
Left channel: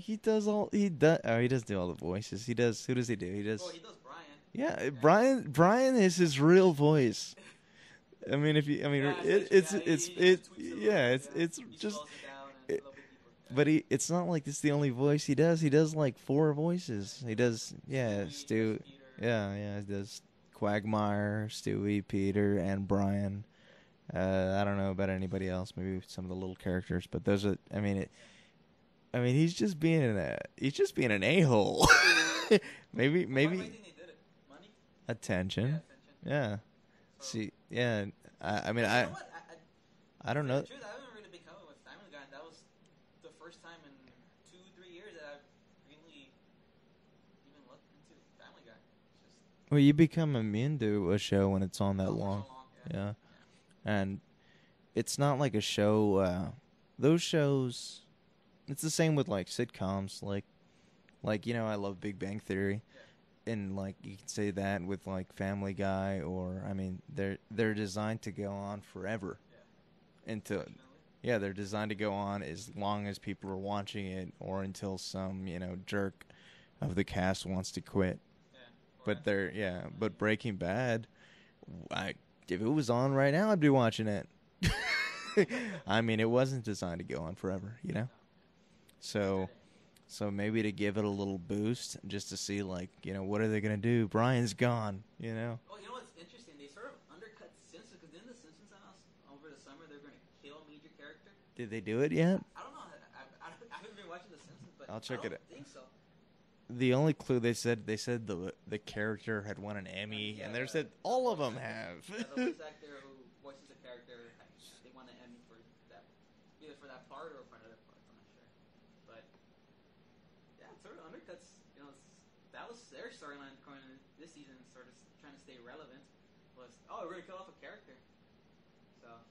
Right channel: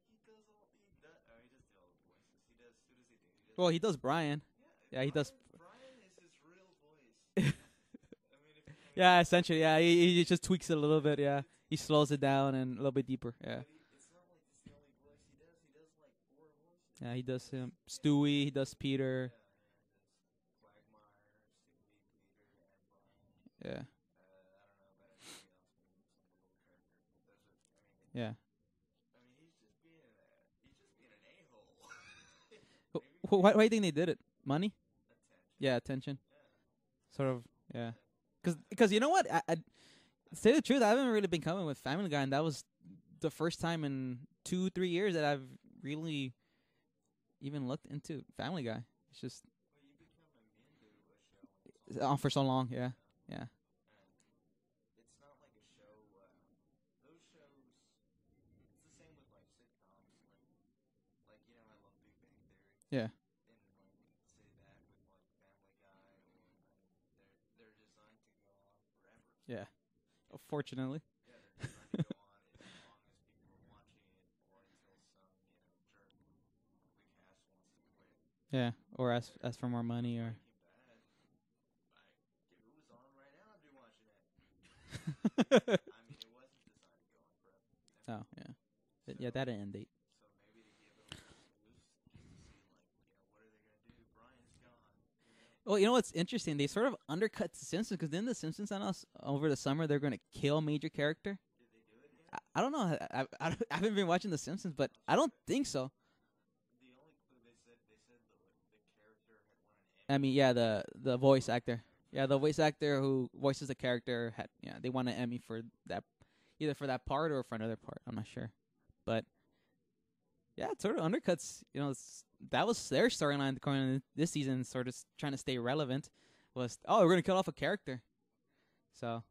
He does do all the voices. He does. Who does he do? He does Brian. Yeah, Brian is his real voice. Essentially, he just tweaks it a little bit. Yeah, he slows it down and a little bit deeper. Yeah. But it's not like it's the only voice he does. He does like 4 voices. Yeah, he does Stewie. He does Peter. Yeah, he does Quagmire, Stewie, Peter, and Brian. Yeah. I don't know about anybody else. Maybe some of the little characters, but those are. Yeah. I mean, he's just being an a-hole. maybe Why do you think they did it? Money? attention. Yeah, attention. Yeah. Sort See, of. yeah. I mean, Because you know what? I don't say know. the truth, I haven't really been coming with Family Guy, and that was the first time in 2-3 years that I've really even looked into Family Guy. It's just Well, you become immune to a show when it's on that long. for so long. Yeah. Yeah. And it's not like a show. Those shows, it's the same with like sitcoms. Like I love Big Bang Theory. Yeah. And like you can say that with like Family Guy, or I mean, they're designed to go on forever. Yeah. Unfortunately. Yeah, they're designed to go on as long as people are watching it, or until some jerk of the cast wants to quit. Yeah. Or But ask for more money. but Breaking Bad, if it was on right now, I'd be watching it. I mean, it wasn't designed to go on forever, Oh, yeah. So that end date. So maybe to give it a little boost, just to see, like, what are they going to do? Brian's gone, Well, you know what's interesting? They sort of undercut The Simpsons, because then The Simpsons announced over the summer they're going to kill a major character. Did they do it yet? I don't know. I haven't been watching The Simpsons, but I don't think so. The only clue they said the character had won an Emmy. I mean, yeah, the voice actor. Have. Yeah, the voice actor who voices the character they won an Emmy for that, either for that part or for another part. I'm not sure, but yeah, it sort of undercuts. That was their storyline going into this season, sort of trying to stay relevant. Was we're gonna kill off a character. So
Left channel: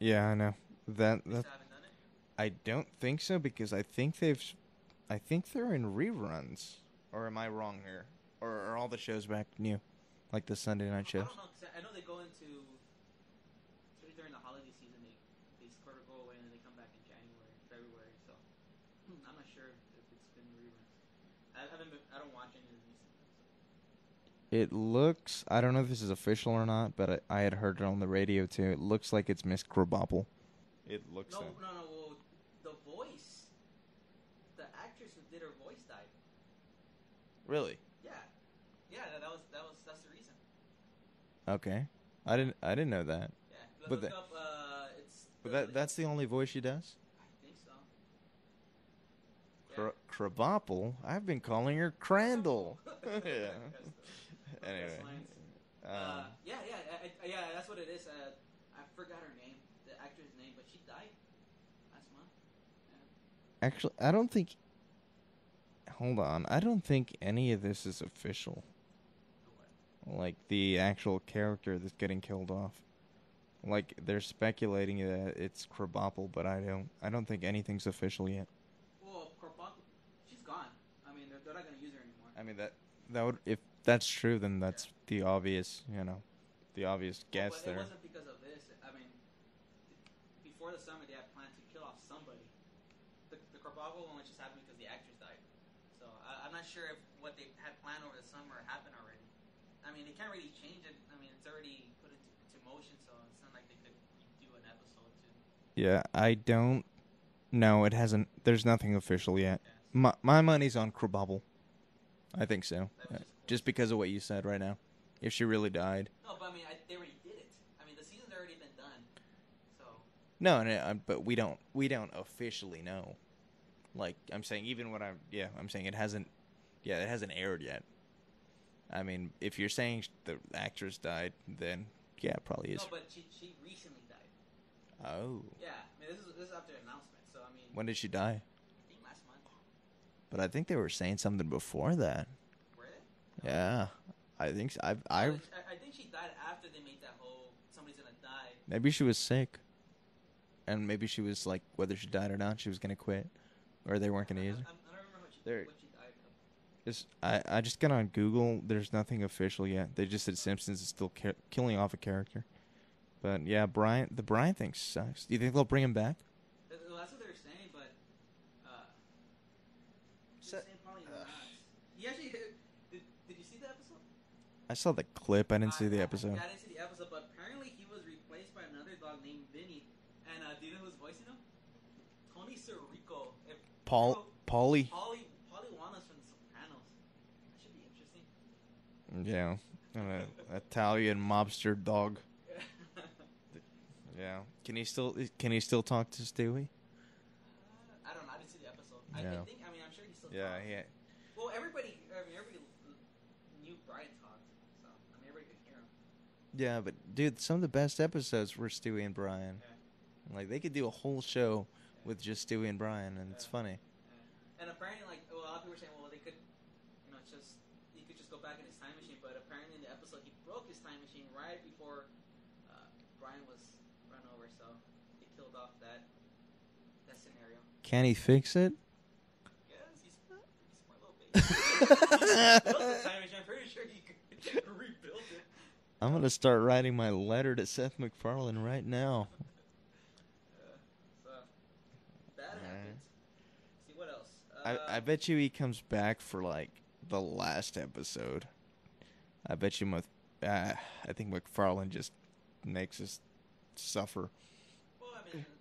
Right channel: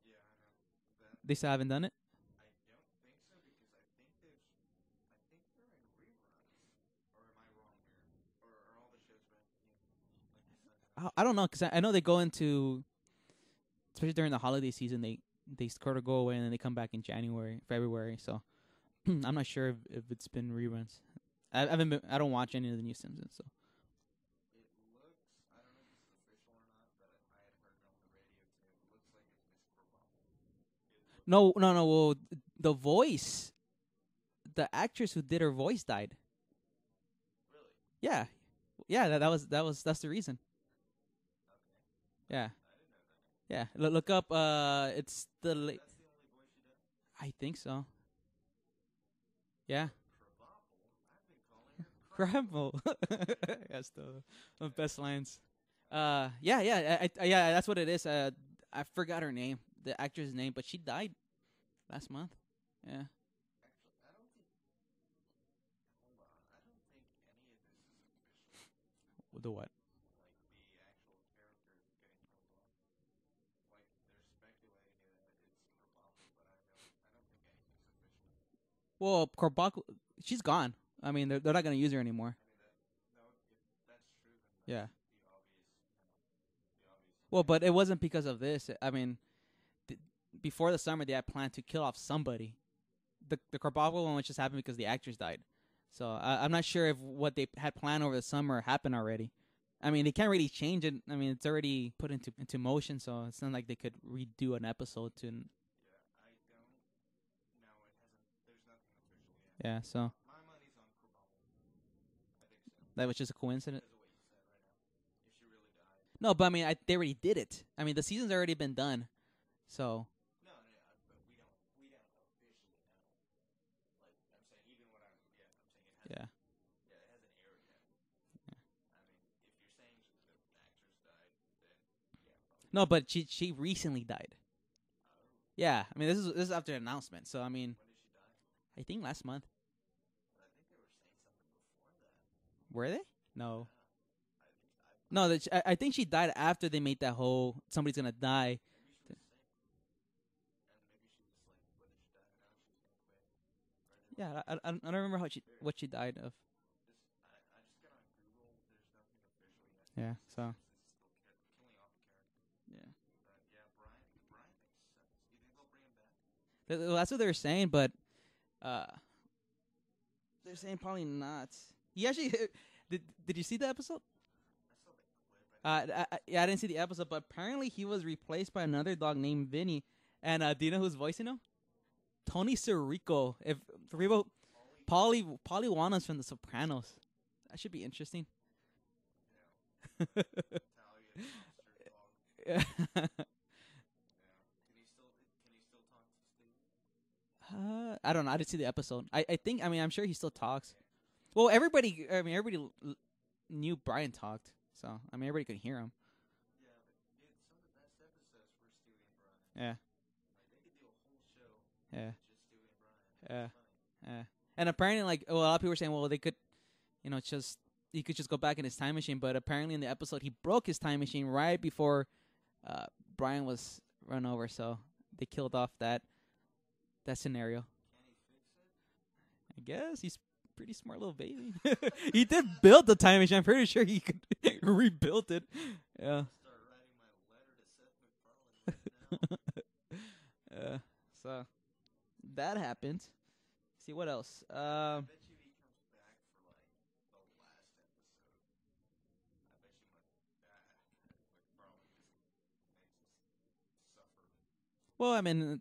yeah, I know that. They still haven't done it. I don't think so, because I think they're in reruns. Or am I wrong here? Or are all the shows back new? Like the Sunday night show? I don't know, because I know they go into, especially during the holiday season, they sort of go away and then they come back in January, February. So I'm not sure if it's been reruns. I don't watch any of the new Simpsons. So it looks, I don't know if this is official or not, but I had heard it on the radio too. It looks like it's Miss Krabappel. It looks. No. Well, the voice, the actress who did her voice died. Really? Yeah. That's the reason. Okay. Yeah. I didn't know that. Yeah. Look up. It's that's the only voice she does? I think so. Yeah. Krabappel? I've been calling her Crandall. That's the best lines. Yeah. That's what it is. I forgot her name, the actress' name, but she died last month. Yeah. Actually, I don't think. Hold on. I don't think any of this is official. The what? Like the actual character that's getting killed off. Like they're speculating that it's Krabappel, but I don't think anything's official yet. Well, Krabappel, she's gone. I mean, they're not going to use her anymore. I mean that would, if that's true, then that's the obvious, the obvious. Well, but it wasn't because of this. I mean, before the summer, they had planned to kill off somebody. The Krabappel one just happened because the actress died. So I'm not sure if what they had planned over the summer happened already. I mean, they can't really change it. I mean, it's already put into motion, so it's not like they could redo an episode to. Yeah, I don't. No, it hasn't. There's nothing official yet. Yeah. So my money's on Krabappel. I think so. That was just a coincidence. Just because of what you said right now. If she really died. No, but I mean, they already did it. I mean, the season's already been done. So. No, but we don't officially know. Like I'm saying, I'm saying it hasn't. Yeah, it hasn't aired yet. I mean, if you're saying the actress died, then it probably is. No, but she recently died. Oh. Yeah, I mean, this is after the announcement. So I mean. When did she die? I think last month. But I think they were saying something before that. Were they? No. Yeah, I think so. I think she died after they made that whole somebody's gonna die. Maybe she was sick. And maybe she was like, whether she died or not, she was gonna quit. Or they weren't going to use it. I don't remember what she died of. I just got on Google. There's nothing official yet. They just said so. Simpsons is still killing off a character. Yeah. But yeah, the Brian thing sucks. Do you think they'll bring him back? Well, that's what they were saying, but they're saying probably not. He actually did you see the episode? I saw the clip. I didn't see the episode. Yeah, I didn't see the episode, but apparently he was replaced by another dog named Vinny. And do you know who's voicing him? Tony Sirico. Paulie Wana's from The Sopranos. That should be interesting. Yeah. Italian mobster dog. Yeah. Can he still talk to Stewie? I don't know. I didn't see the episode. Yeah. I think. I mean, I'm sure he still talks. Yeah. Well, everybody. I mean, everybody knew Brian talked, so I mean, everybody could hear him. Yeah, but dude, some of the best episodes were Stewie and Brian. Yeah. Like they could do a whole show with just Stewie and Brian, and it's funny. Yeah. And apparently, like, well, a lot of people were saying, well, they could, just he could just go back in his time machine. But apparently, in the episode, he broke his time machine right before Brian was run over. So they killed off that scenario. Can he fix it? I guess he's a pretty smart little baby. He just built the time machine. I'm pretty sure he could rebuild it. I'm gonna start writing my letter to Seth MacFarlane right now. So that happens. See what else? I bet you he comes back for like the last episode. I bet you. I think MacFarlane just makes us suffer. Well, I mean,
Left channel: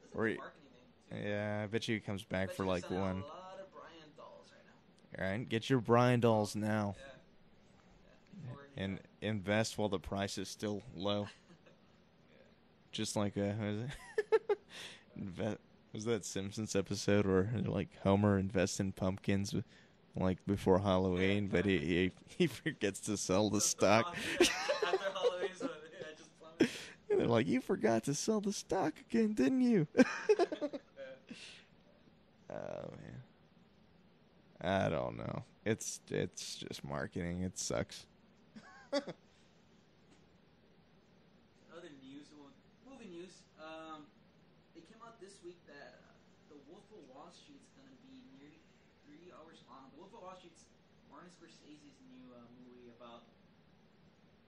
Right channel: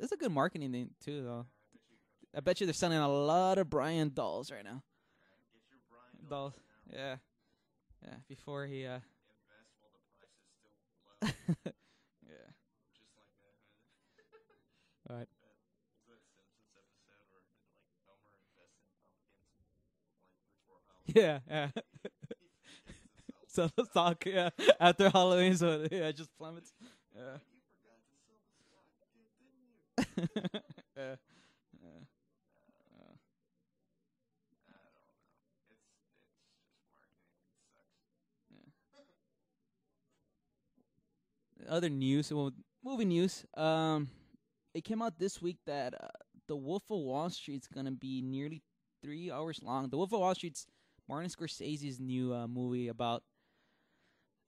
it's a good marketing thing too. Yeah, I bet you he comes back. I bet for you they're like selling a lot of Brian dolls right now. All right, get your Brian dolls now. Yeah. Before he invest while the price is still low. Yeah. Just like was that Simpsons episode where like Homer invests in pumpkins like before Halloween, but he forgets to sell the stock. After Halloween, so just plummet. And they're like, you forgot to sell the stock again, didn't you? Oh man, I don't know. It's just marketing. It sucks. Other news, movie news. It came out this week that The Wolf of Wall Street's gonna be nearly 3 hours long. The Wolf of Wall Street's Martin Scorsese's new movie about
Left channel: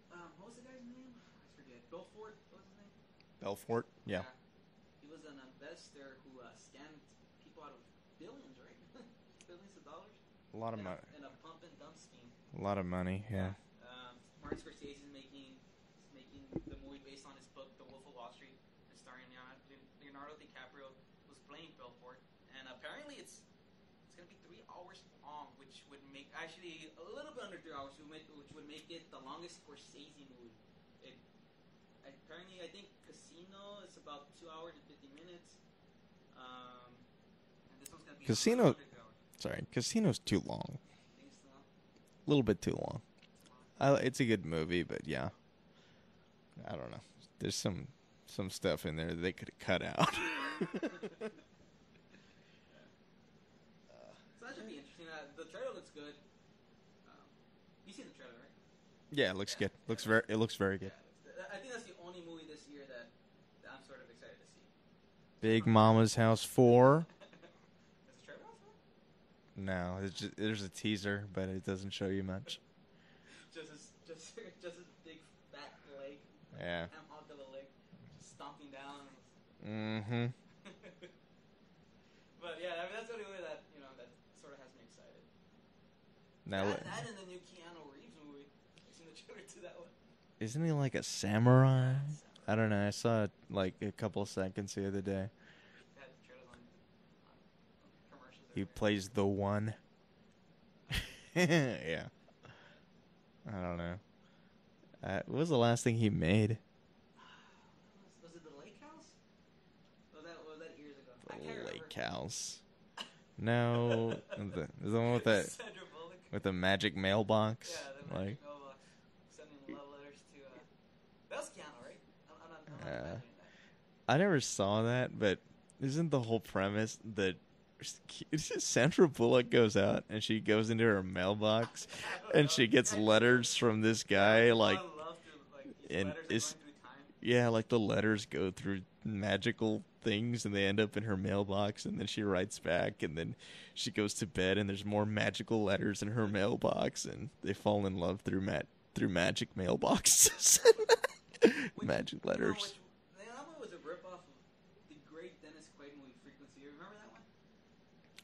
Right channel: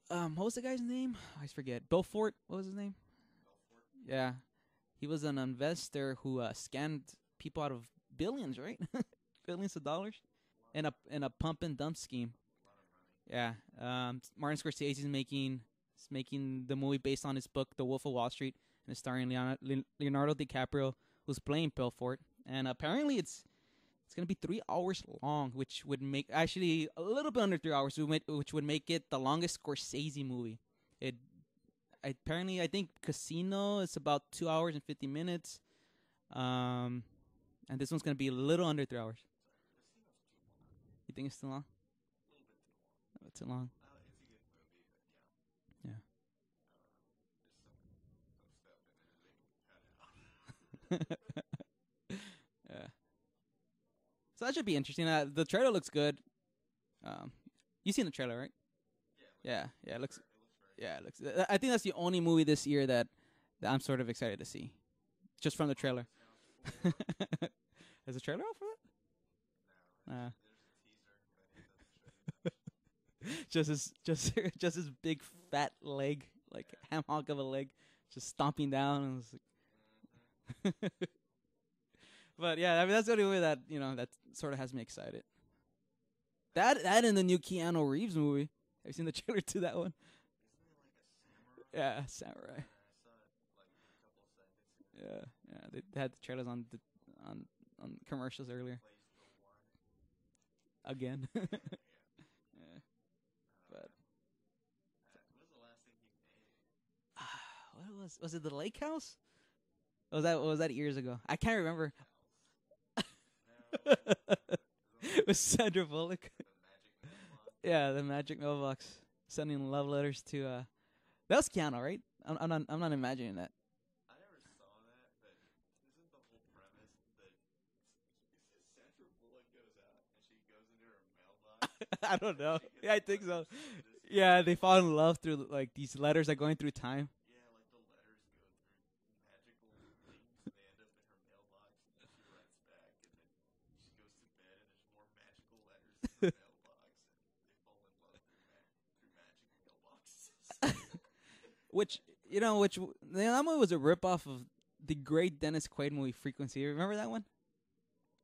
what was the guy's name? I forget. Belfort. What was his name? Belfort. Yeah. He was an investor who scammed people out of billions, right? Billions of dollars. A lot of in a pump and dump scheme. A lot of money. Yeah. Martin Scorsese's making the movie based on his book, The Wolf of Wall Street, and it's starring Leonardo DiCaprio, who's playing Belfort. And apparently it's going to be 3 hours long, which would make actually a little bit under 3 hours, which would make it the longest Scorsese movie. Apparently, I think Casino is about 2 hours and 50 minutes. And this one's going to be a little under 3 hours. Sorry, Casino's too long. You think it's too long? A little bit too long. Too long. It's a good movie, but yeah. I don't know. There's some stuff in there that they could have cut out. So that should be interesting. The trailer looks good. You seen the trailer, right? Yeah, it looks good. It looks very good. Yeah, I think that's the only movie this year that I'm sort of excited to see. Big Mama's House 4. Is the trailer out for that? No, there's a teaser, but it doesn't show you much. just his big fat leg, like a ham hock of a leg, just stomping down. And But yeah, I mean that's the only way that that sort of has me excited. That and the new Keanu Reeves movie. Have you seen the trailer to that one? Isn't he like a samurai? Yeah, samurai. I don't know. I saw it like a couple of seconds the other day. Yeah, they had the trailers on commercials earlier. He plays the one. Again. Yeah. I don't know. What was the last thing he made? Was it The Lake House? Was that years ago? I can't remember. Lake House. No, the one with the Sandra Bullock with the magic mailbox. Yeah, the magic mailbox, sending love letters to. That was Keanu, right? I'm not imagining that. I never saw that, but isn't the whole premise that Sandra Bullock goes out and she goes into her mailbox and she gets letters from this guy? Yeah, they fall in love through like these letters that going through time. Yeah, like the letters go through magical things and they end up in her mailbox, and then she writes back, and then she goes to bed and there's more magical letters in her mailbox, and they fall in love through magic mailboxes. Magic letters. That movie was a ripoff of the great Dennis Quaid movie Frequency. You remember that one?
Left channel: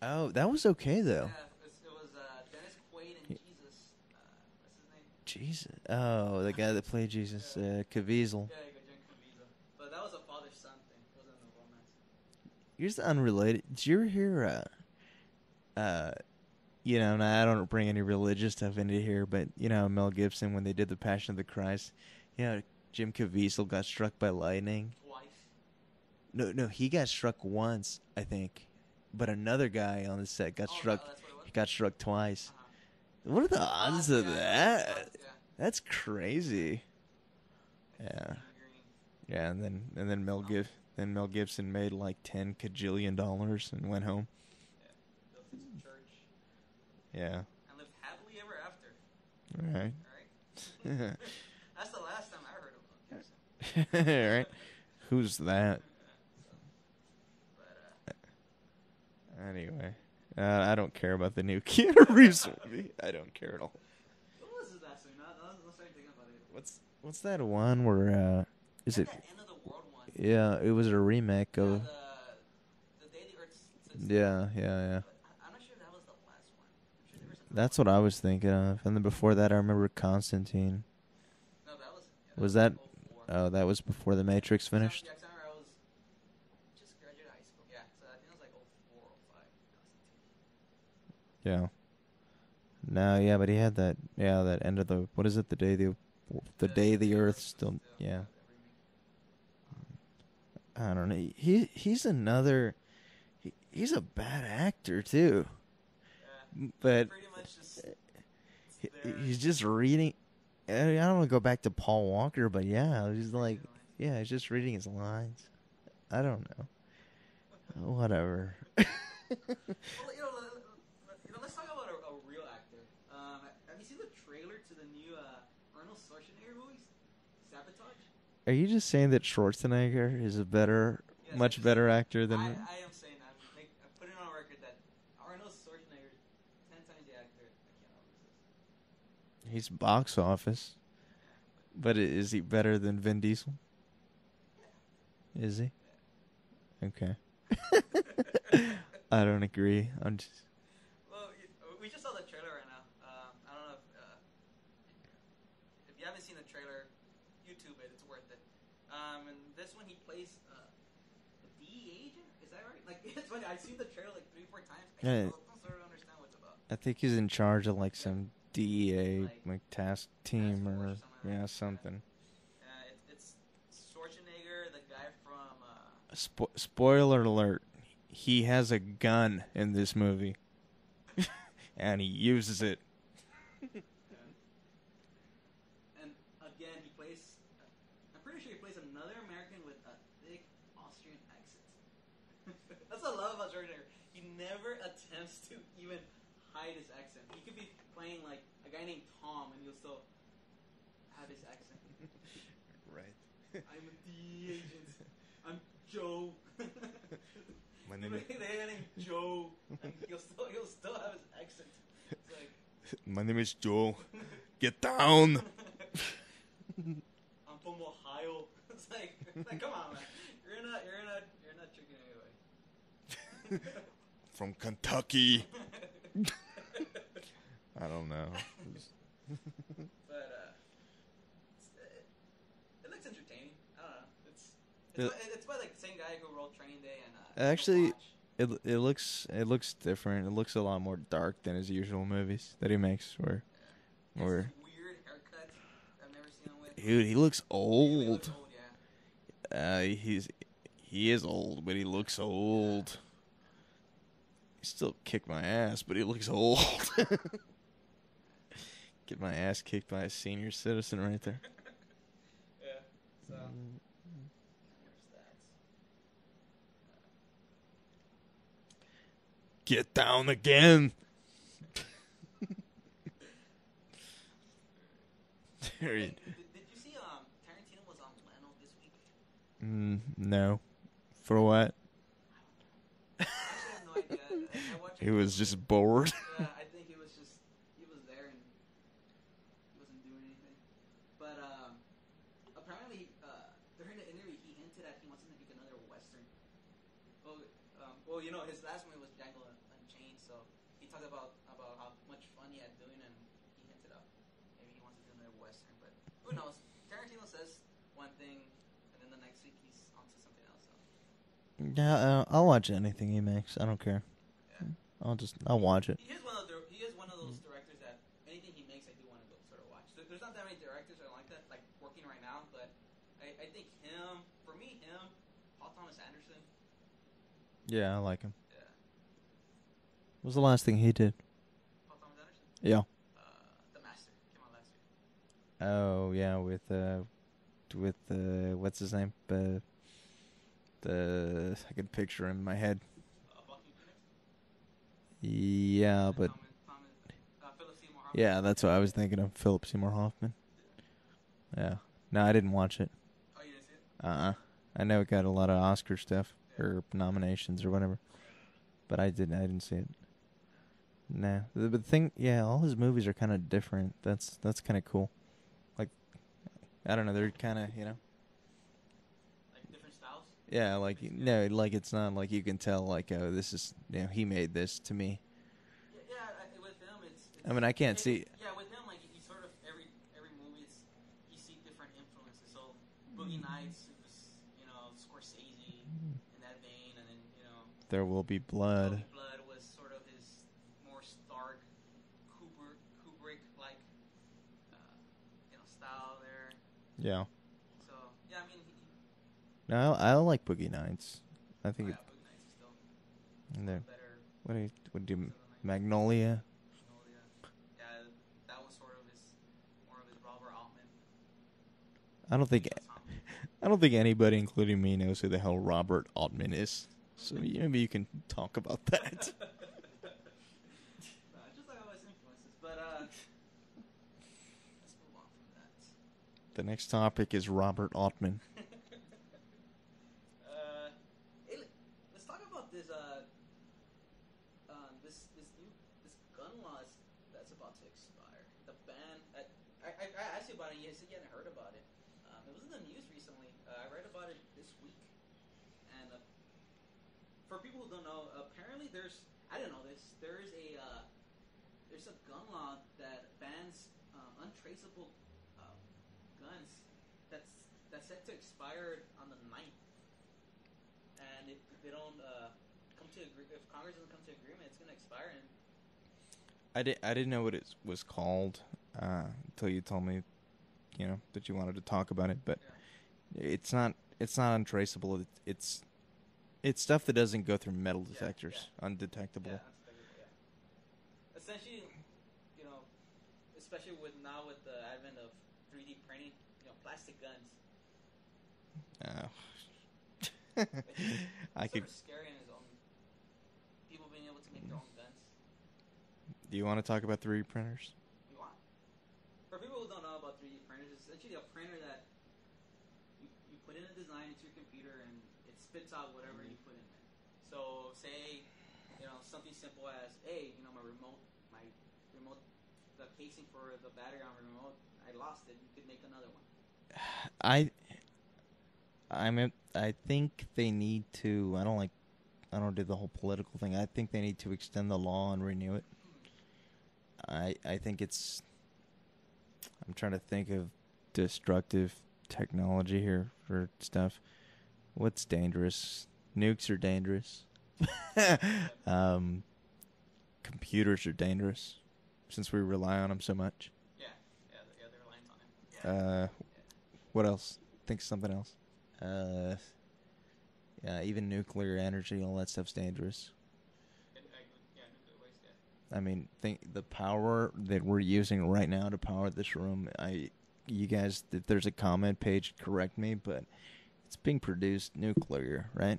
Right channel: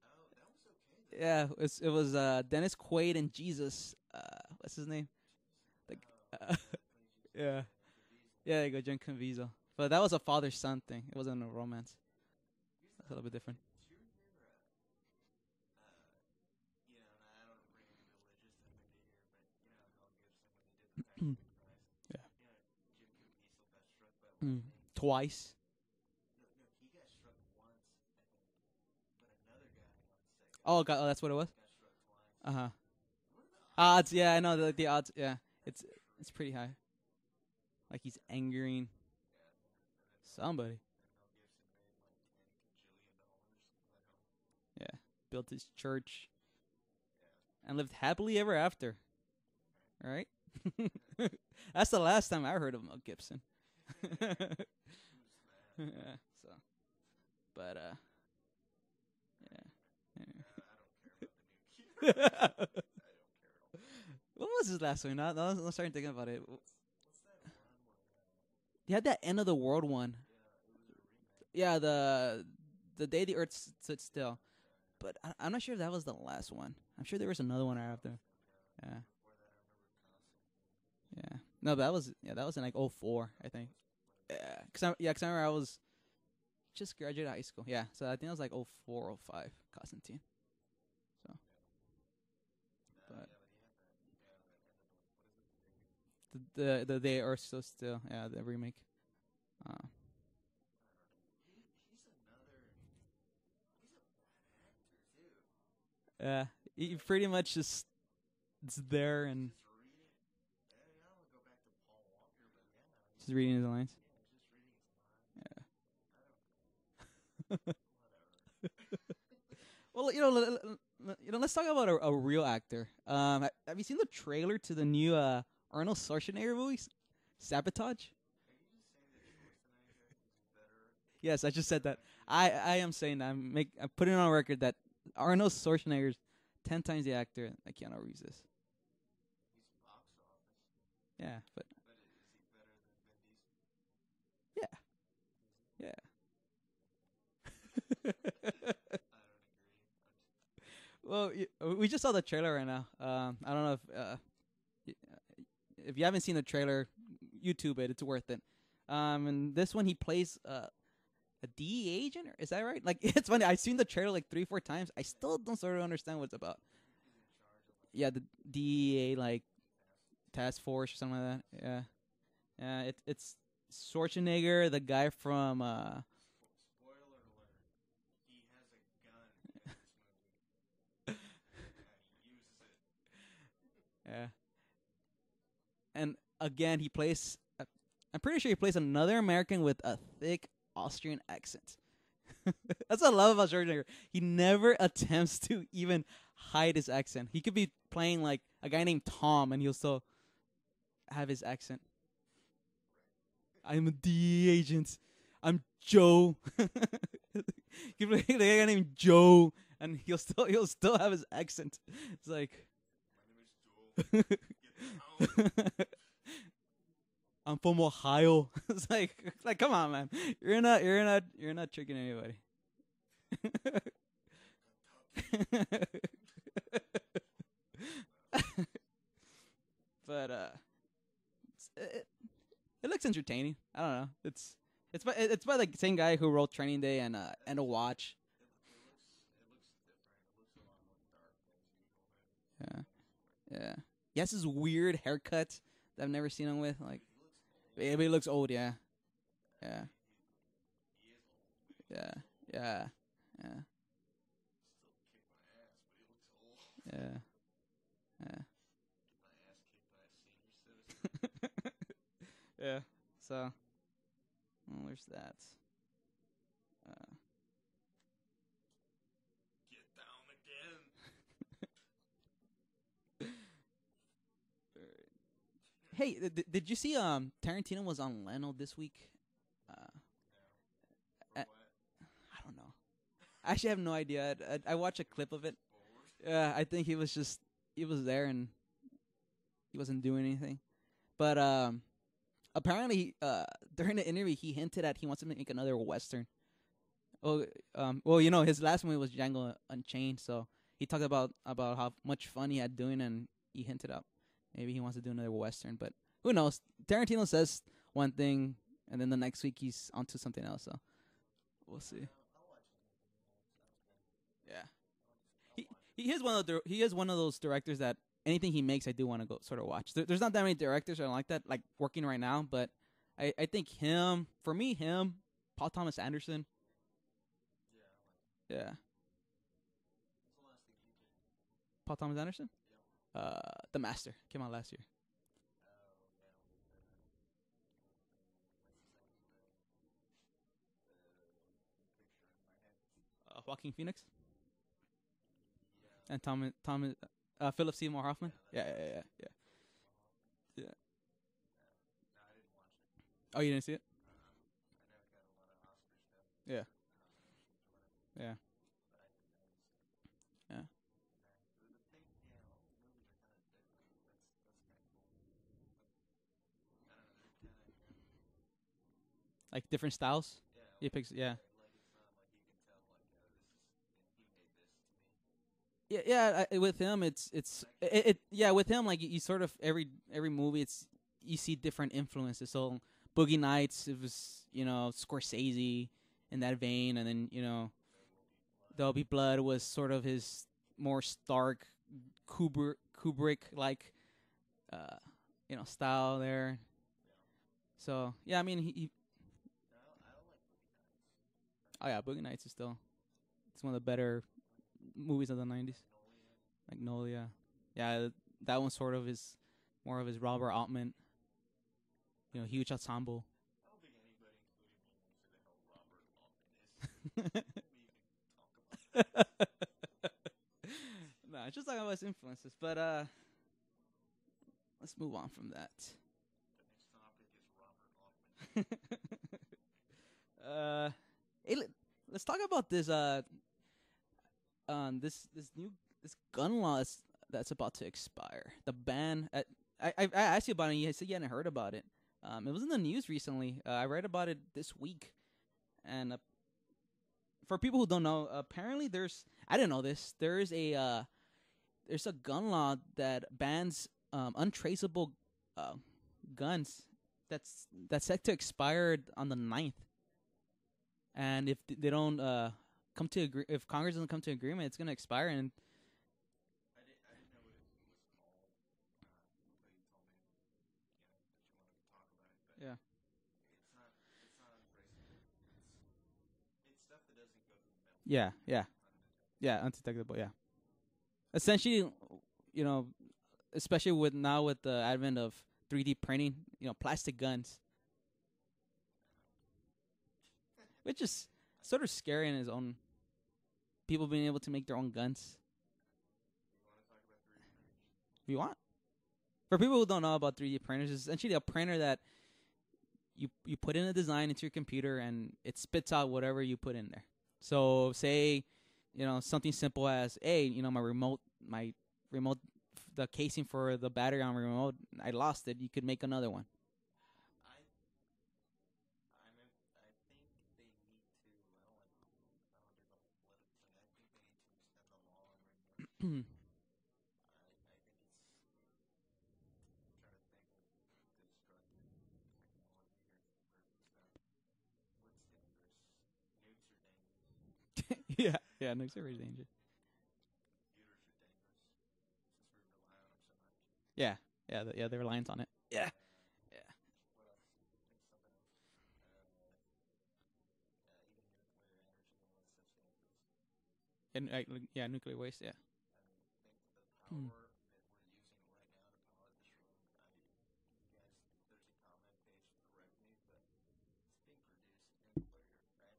Oh, that was okay though. Yeah, it was Dennis Quaid and Jesus. What's his name? Jesus. Oh, the guy that played Jesus. Caviezel. Yeah, there you go, John Caviezel. But that was a father-son thing. It wasn't a romance. Here's the unrelated. Did you ever hear? And I don't bring any religious stuff into here, but Mel Gibson when they did the Passion of the Christ, Jim Caviezel got struck by lightning twice. No, he got struck once, I think. but another guy on the set got Oh, struck. that's what it was. Got struck twice. Uh huh. What are the odds of yeah, that? I know the odds. Yeah, That's crazy. like he's angering. Yeah, and then Mel Gibson made like $10 kajillion and went home. Yeah, built his church. Yeah, and lived happily ever after. Right. That's the last time I heard of Mel Gibson. Right. Who's that? But anyway, I don't care about the new Keanu Reeves movie. I don't care at all. What was his last one? I'm starting thinking about it. What's that one where? He had that End of the World one. Yeah, it was a remake. Yeah, the Day the Earth Stood Still. Yeah. But I'm not sure if that was the last one. I'm sure there was another. That's one. what I was thinking of, and then before that, I remember Constantine. Yeah. No, that was that like 04. Oh, that was before the Matrix finished. Because I remember I was just graduated high school. Yeah, so I think it was like 04, 05, Constantine. So. Yeah. No, yeah, but he had that. Yeah, that end of the. What is it? The day the Earth still. Yeah, the remake. I don't know. He's another. He's a bad actor too. Yeah, but he pretty much just there. He's just reading. I don't want to go back to Paul Walker, but yeah, he's reading his lines. Yeah, he's just reading his lines. Yeah. I don't know. Whatever. Well, let's talk about a real actor. Have you seen the trailer to the new Arnold Schwarzenegger movie, Sabotage? Are you just saying that Schwarzenegger is a much better actor than I am saying that. I'm putting on record that Arnold Schwarzenegger is 10 times the actor that Keanu Reeves is. He's box office. Yeah, but is he better than Vin Diesel? Yeah. Is he? Yeah. Okay. I don't agree. I'm just. Well, we just saw the trailer right now. I don't know if you haven't seen the trailer, YouTube it. It's worth it. And this one he plays a DEA agent. Is that right? Like, it's funny. I've seen the trailer like 3-4 times. I still don't sort of understand what it's about. I think he's in charge of like some DEA like task team, task force or something like that. Yeah, something. Yeah, it's Schwarzenegger, the guy from. Spoiler alert: he has a gun in this movie, and he uses it. Yeah. And again, he plays. I'm pretty sure he plays another American with a thick Austrian accent. That's what I love about Schwarzenegger. He never attempts to even hide his accent. He could be playing like a guy named Tom, and he'll still have his accent. Right. I'm a DEA agent. I'm Joe. He play a guy named Joe, and he'll still have his accent. It's like, my name is Joe. Get down. I'm from Ohio. It's like come on, man. You're not tricking anybody. From Kentucky. I don't know. But it looks entertaining. I don't know. It's by the same guy who wrote Training Day and actually, Watch. It looks different. It looks a lot more dark than his usual movies that he makes. He has this weird haircut that I've never seen him with. Dude, he looks old. Yeah, he looks old. Yeah. He is old, but he looks old. Yeah. He still kicked my ass, but he looks old. Yeah. Get my ass kicked by a senior citizen right there. Yeah. So, where's that? Get down again. Hey, did you see Tarantino was on Leno this week? No. For what? I don't know. I actually have no idea. I watched. He was just bored. I think he was there and he wasn't doing anything. But apparently during the interview he hinted at he wants to make another Western. Well, you know, his last movie was Django Unchained, so he talked about how much fun he had doing, and he hinted out maybe he wants to do another Western, but who knows? Tarantino says one thing, and then the next week he's onto something else. So I'll watch anything he makes. I don't care. Yeah, I'll watch it. He is one of those directors that anything he makes, I do want to go sort of watch. There's not that many directors that are like that, like working right now, but I think him, Paul Thomas Anderson. Yeah, I like him. Yeah, What was the last thing he did? Paul Thomas Anderson. Yeah. The Master came out last year. Oh yeah, with what's his name? I can picture him in my head. Joaquin Phoenix. Yeah, and but Thomas Philip Seymour Hoffman. yeah, that's what I was thinking of. Philip Seymour Hoffman. Yeah. Yeah. No, I didn't watch it. Oh, you didn't see it? I know it got a lot of Oscar stuff Yeah. or nominations or whatever. Yeah. But I didn't see it. Yeah. Nah. The thing, all his movies are kind of different. That's kind of cool. Like, I don't know, they're kind of, Like different styles. Yeah, like picks, no, like it's not like you can tell like, oh, this is, he made this to me. Yeah. With him, it's. I mean, I can't see. Yeah, with him, like you sort of every movie, you see different influences. So Boogie Nights, it was Scorsese in that vein, and then There Will Be Blood. There Will Be Blood was sort of his more stark Kubrick like style there. Yeah. So yeah, I mean he No, I like Boogie Nights. I think. Oh yeah, Boogie Nights is still one of the better movies of the 90s. Magnolia. Yeah, that one sort of is more of his Robert Altman. I don't think ensemble. I don't think anybody, including me, knows who the hell Robert Altman is. So maybe you can talk about that. Nah, just talking about his influences. But let's move on from that. The next topic is Robert Altman. Let's talk about this this gun law that's about to expire. The ban. I asked you about it. You said you hadn't heard about it. It was in the news recently. I read about it this week, and for people who don't know, apparently I didn't know this. There's a gun law that bans untraceable guns that's set to expire on the 9th. And if they don't if Congress doesn't come to agreement, it's going to expire. And I didn't know what it was called until you told me, that you wanted to talk about it. But it's not untraceable. It's stuff that doesn't go through metal detectors. Yeah. Undetectable. Yeah, undetectable. Yeah. Essentially, especially with the advent of 3D printing, plastic guns. Which is sort of scary in his own. People being able to make their own guns. Do you want to talk about 3D printers? If you want. For people who don't know about 3D printers, it's essentially a printer that you put in a design into your computer and it spits out whatever you put in there. So say, something simple as, hey, my remote, the casing for the battery on my remote, I lost it. You could make another one. I think they need to. I don't do the whole political thing. I think they need to extend the law and renew it. I think it's. I'm trying to think of destructive technology here for stuff. What's dangerous? Nukes are dangerous. Nukes are computers are dangerous since we rely on them so much. Yeah, they're reliant on it. What else? Think of something else. Even nuclear energy, all that stuff's dangerous. And nuclear waste. Yeah. I mean, think the power that we're using right now to power this room. You guys, if there's a comment page, correct me, but it's being produced nuclear, right?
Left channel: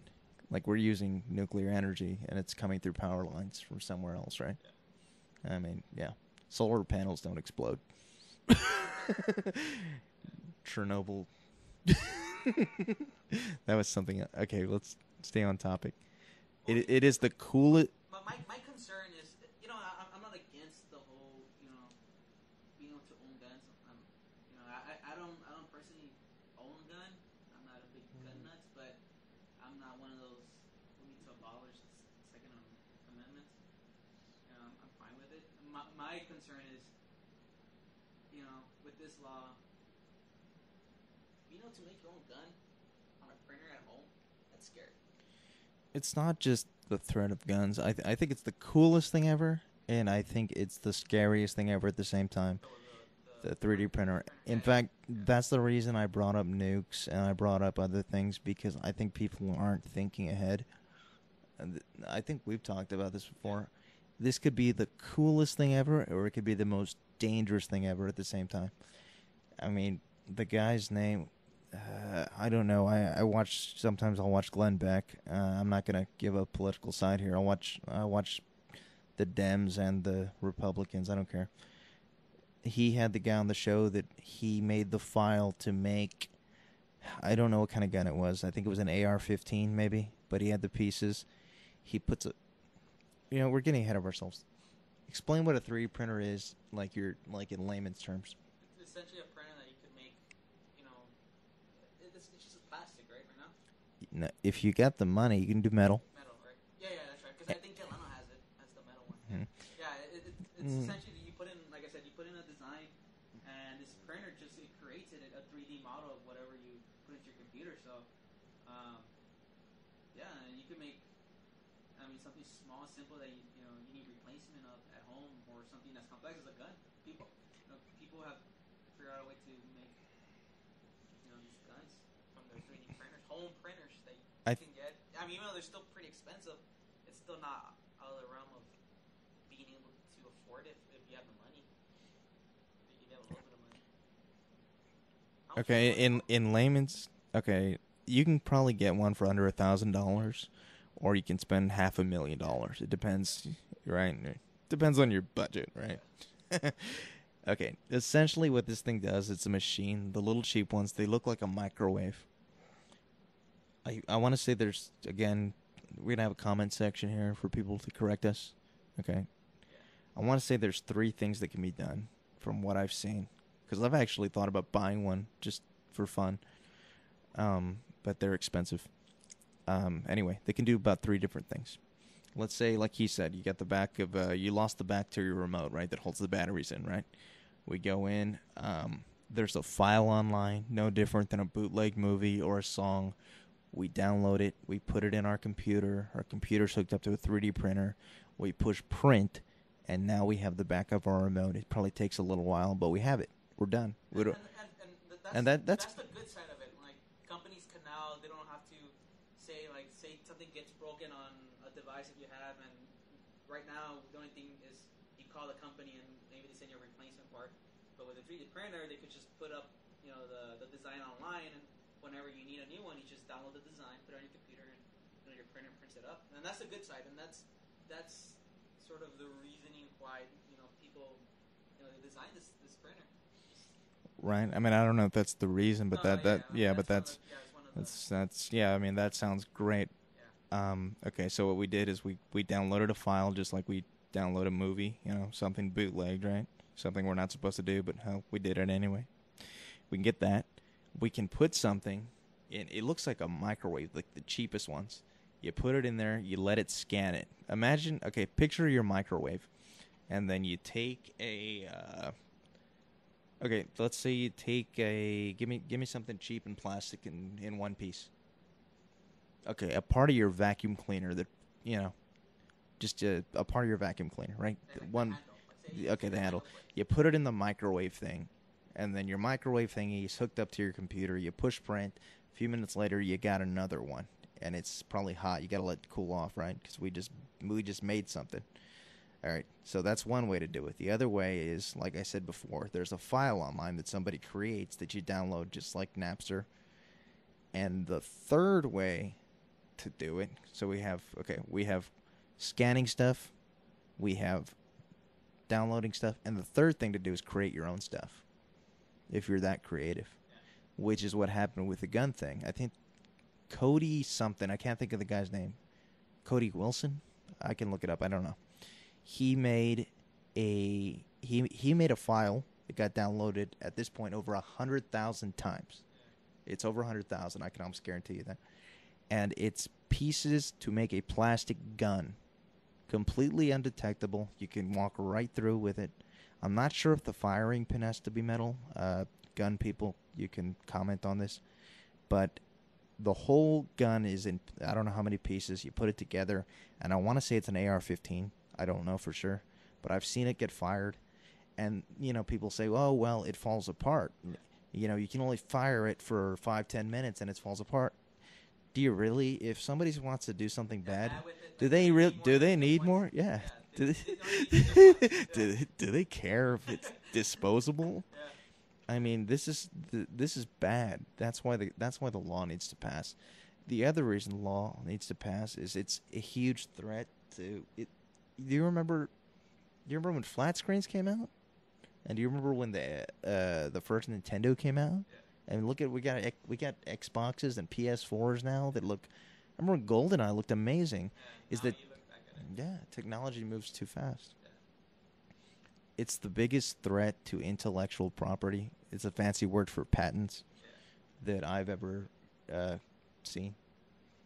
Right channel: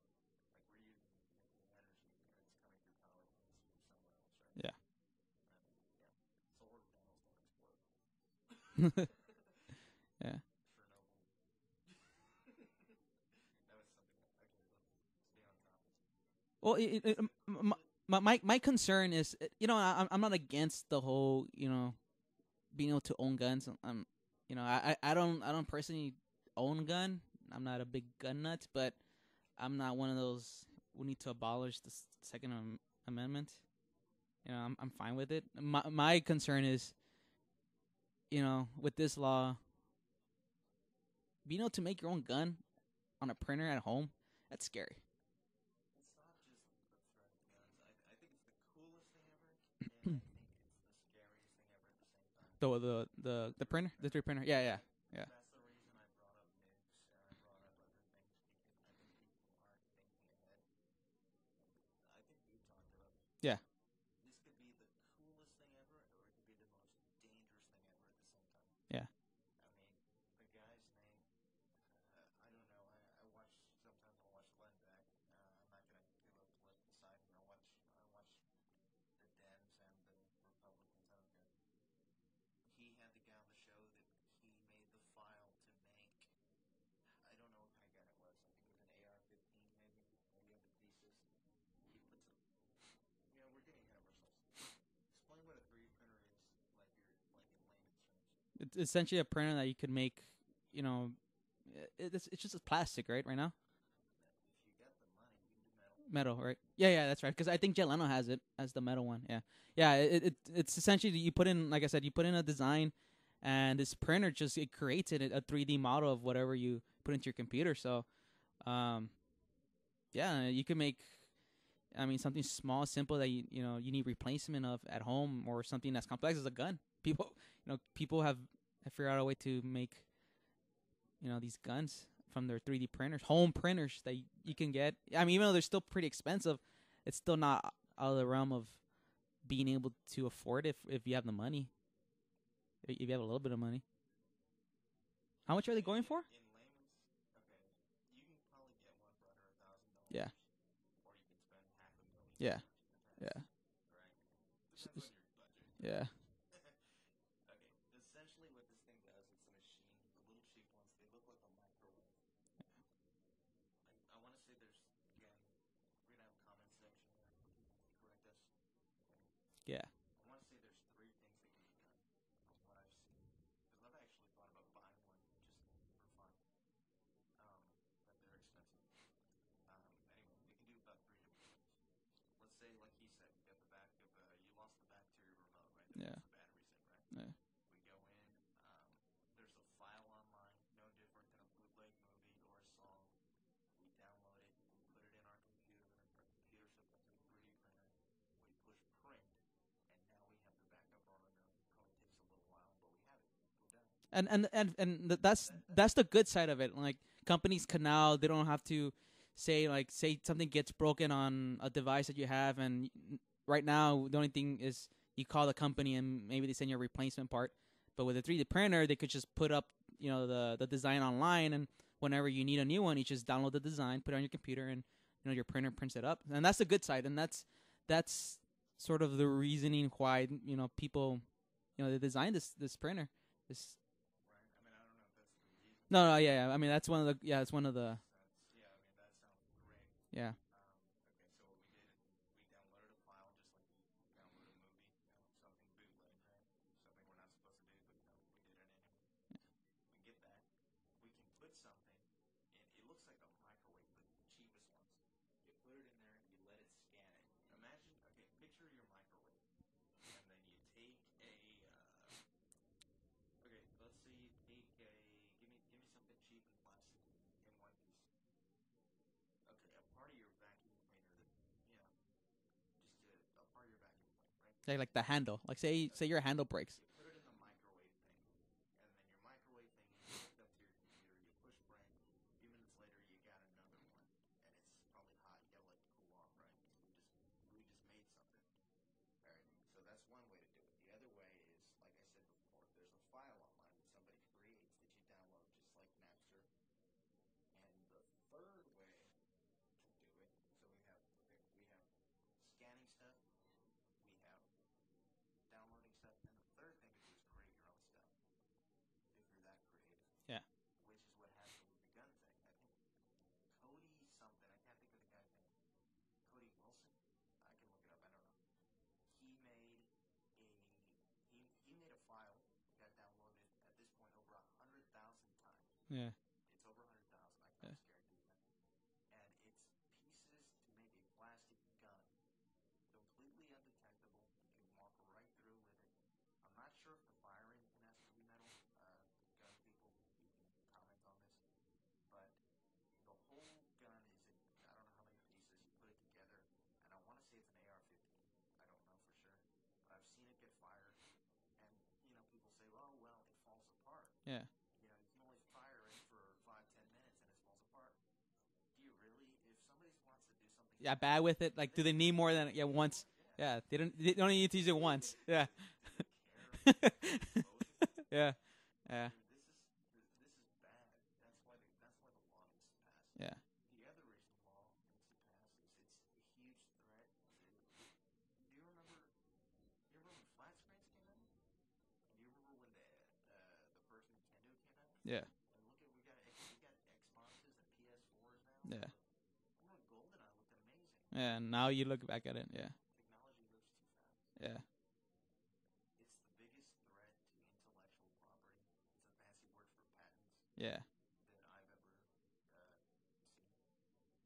Like we're using nuclear energy, and it's coming through power lines from somewhere else, right? Yeah. I mean, yeah. Solar panels don't explode. Yeah. Chernobyl. That was something. Okay, let's stay on topic. Well, it is the coolest. My concern is, I'm not against the whole, being able to own guns. I don't personally own a gun. I'm not a big gun nut, but I'm not one of those who need to abolish the Second Amendment. I'm fine with it. My concern is, with this law, being able to make your own gun on a printer at home, that's scary. It's not just the threat of guns. I think it's the coolest thing ever, and I think it's the scariest thing ever at the same time. The 3D printer. In fact, that's the reason I brought up nukes and I brought up other things, because I think people aren't thinking ahead. I think we've talked about this before. this could be the coolest thing ever, or it could be the most dangerous thing ever at the same time. Yeah. I mean, the guy's name, I don't know. Sometimes I'll watch Glenn Beck. I'm not going to give a political side here. I watch the Dems and the Republicans. I don't care. He had the guy on the show that he made the file to make, I don't know what kind of gun it was. I think it was an AR-15 maybe, but he had the pieces. He puts we're getting ahead of ourselves. Explain what a 3D printer is, like in layman's terms. It's essentially a printer that you could make, it's just plastic, right now? No, if you got the money, you can do metal. Metal, right? Yeah, that's right. Because I think Jay Leno has it as the metal one. Yeah, yeah. It's essentially you put in, like I said, you put in a design, and this printer it creates a 3D model of whatever you put into your computer. So, you can make, something small, simple that you need replacement of at home, or something that's complex as a gun. People have figured out a way to make, these guns from their 3D printers, home printers that you can get. Even though they're still pretty expensive, it's still not out of the realm of being able to afford it if you have the money. If you have a little bit of money. How much in layman's, you can probably get one for under $1,000, or you can spend $500,000. Yeah. It depends, right? It depends on your budget, right? Yeah. Okay, essentially what this thing does, it's a machine. The little cheap ones, they look like a microwave. I want to say there's, again, we're going to have a comment section here for people to correct us. Okay? Yeah. I want to say there's 3 things that can be done from what I've seen. Because I've actually thought about buying one just for fun. But they're expensive. Anyway, they can do about 3 different things. Let's say, like he said, you got the back of, you lost the back to your remote, right, that holds the batteries in, right? Yeah. We go in, there's a file online, no different than a bootleg movie or a song. We download it, we put it in our computer's hooked up to a 3D printer, we push print, and now we have the back of our remote. It probably takes a little while, but we have it. We're done. That's the good side of it. Like, companies can now, they don't have to say something gets broken on a device that you have, and right now the only thing is you call the company and maybe they send you a replacement part. But with a 3D printer, they could just put up the design online, and whenever you need a new one, you just download the design, put it on your computer, and your printer prints it up. And that's the good side, and that's sort of the reasoning why people they designed this printer. Right. I don't know if that's the reason, but that's one of the. That sounds great. Yeah. Okay. So what we did is we downloaded a file just like we download a movie. Something bootlegged, right? Something we're not supposed to do, but hell, we did it anyway. We can get that. We can put something in. It looks like a microwave, like the cheapest ones. You put it in there. You let it scan it. Imagine. Okay. Picture your microwave, and then you take a. Okay, let's say you take give me something cheap and plastic in one piece. Okay, a part of your vacuum cleaner that, just a part of your vacuum cleaner, right? Like the handle. Like say your handle breaks. You put it in the microwave thing, and then your microwave thingy is hooked up to your computer. You push print. A few minutes later, you got another one, and it's probably hot. You got to let it cool off, right? Because we just made something. All right, so that's one way to do it. The other way is, like I said before, there's a file online that somebody creates that you download just like Napster. And the third way to do it, so we have scanning stuff, we have downloading stuff, and the third thing to do is create your own stuff, if you're that creative. Yeah. Which is what happened with the gun thing. I think Cody something, I can't think of the guy's name. Cody Wilson? I can look it up, I don't know. He made a file that got downloaded at this point over 100,000 times. Yeah, it's over 100,000. I can almost guarantee you that. And it's pieces to make a plastic gun, completely undetectable. You can walk right through with it. I'm not sure if the firing pin has to be metal. Gun people, you can comment on this, but the whole gun is in. I don't know how many pieces. You put it together, and I want to say it's an AR-15. I don't know for sure, but I've seen it get fired, and people say, "Oh, well, it falls apart." Yeah. You can only fire it for 5-10 minutes, and it falls apart. Do you really? If somebody wants to do something bad with it, do like, they need more? Do they than, need once? more? Yeah. Yeah. They only need to use it once. Yeah. Do they care if it's disposable? Yeah. I mean, this is bad. That's why the law needs to pass. Yeah. The other reason the law needs to pass is it's a huge threat to it. Do you remember when flat screens came out? And do you remember when the first Nintendo came out? Yeah. And look at we got Xboxes and PS4s now that look. I remember GoldenEye looked amazing. Yeah. And now you look back at it. Yeah. Technology moves too fast. Yeah. It's the biggest threat to intellectual property. It's a fancy word for patents. Yeah. That I've ever seen.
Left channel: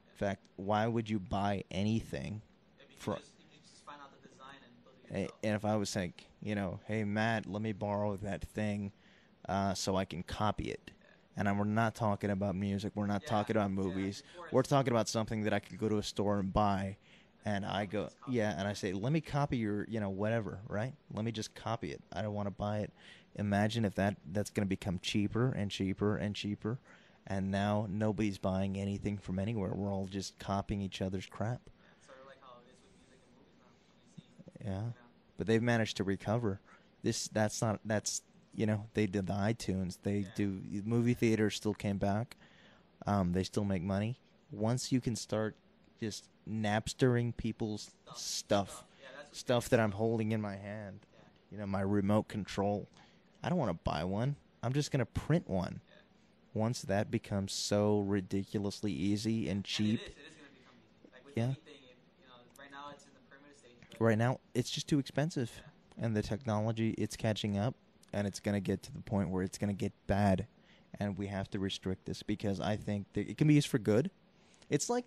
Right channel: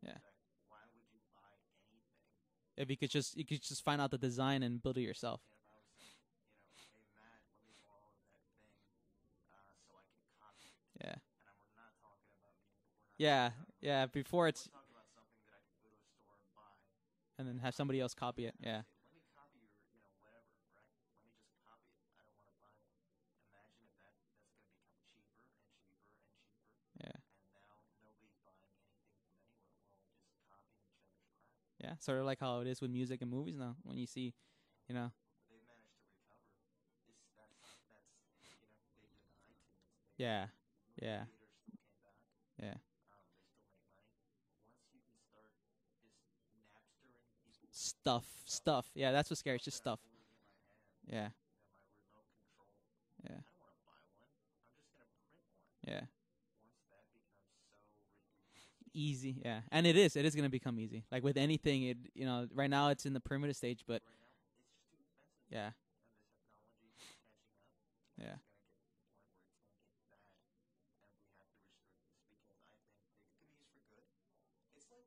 Yeah. In fact, why would you buy anything? If you could just find out the design and build it yourself. And if I was saying, hey Matt, let me borrow that thing, so I can copy it. Yeah. And we're not talking about music. We're not talking about movies. Before we're talking about something that I could go to a store and buy. And I go, else copy it. and I say, let me copy your, whatever, right? Let me just copy it. I don't want to buy it. Imagine if that's going to become cheaper and cheaper and cheaper. Yeah. And now nobody's buying anything from anywhere. We're all just copying each other's crap. Yeah, sort of like how it is with music and movies now. When you see, But they've managed to recover. They did the iTunes. They do movie theaters still came back. Yeah. They still make money. Once you can start just Napstering people's stuff. Yeah, that's what scares stuff that I'm holding in my hand. Yeah. My remote control. Yeah. I don't want to buy one. I'm just going to print one. Yeah. Once that becomes so ridiculously easy and cheap. And it is going to become easy. Like with anything, right now it's in the primitive stage, but right now it's just too expensive. Yeah. And the technology, it's catching up, and it's going to get to the point where it's going to get bad, and we have to restrict this because I think that it can be used for good. It's like,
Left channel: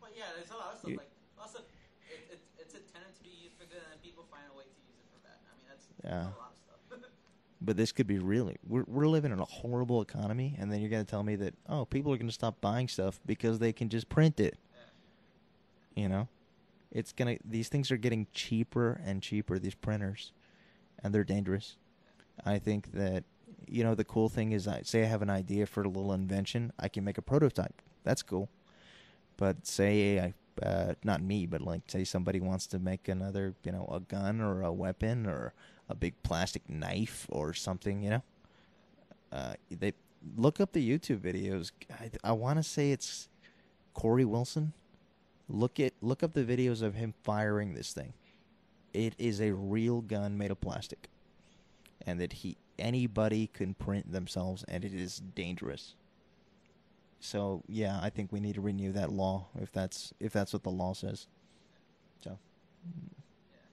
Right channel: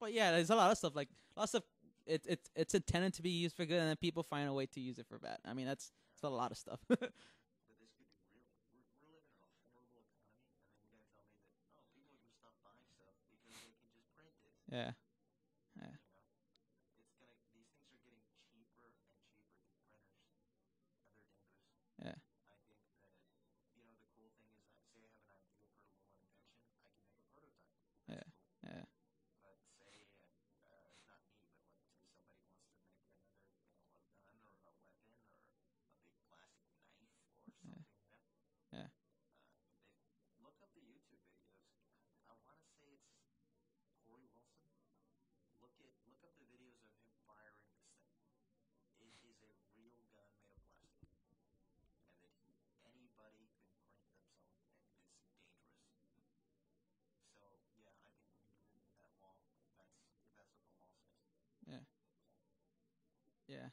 well, yeah, there's a lot of stuff it's intended to be used for good, and then people find a way to use it for bad. I mean, that's a lot of stuff. But this could be really. We're living in a horrible economy, and then you're going to tell me that people are going to stop buying stuff because they can just print it. Yeah. It's gonna. These things are getting cheaper and cheaper. These printers, and they're dangerous. Yeah. I think that the cool thing is, say I have an idea for a little invention, I can make a prototype. That's cool. Yeah. But say not me, but like say somebody wants to make another, a gun or a weapon or a big plastic knife or something, Yeah. They look up the YouTube videos. I want to say it's Corey Wilson. Look up the videos of him firing this thing. It is a real gun made of plastic, and that anybody can print themselves, and it is dangerous. So yeah, I think we need to renew that law if that's what the law says. Yeah. So. Yeah.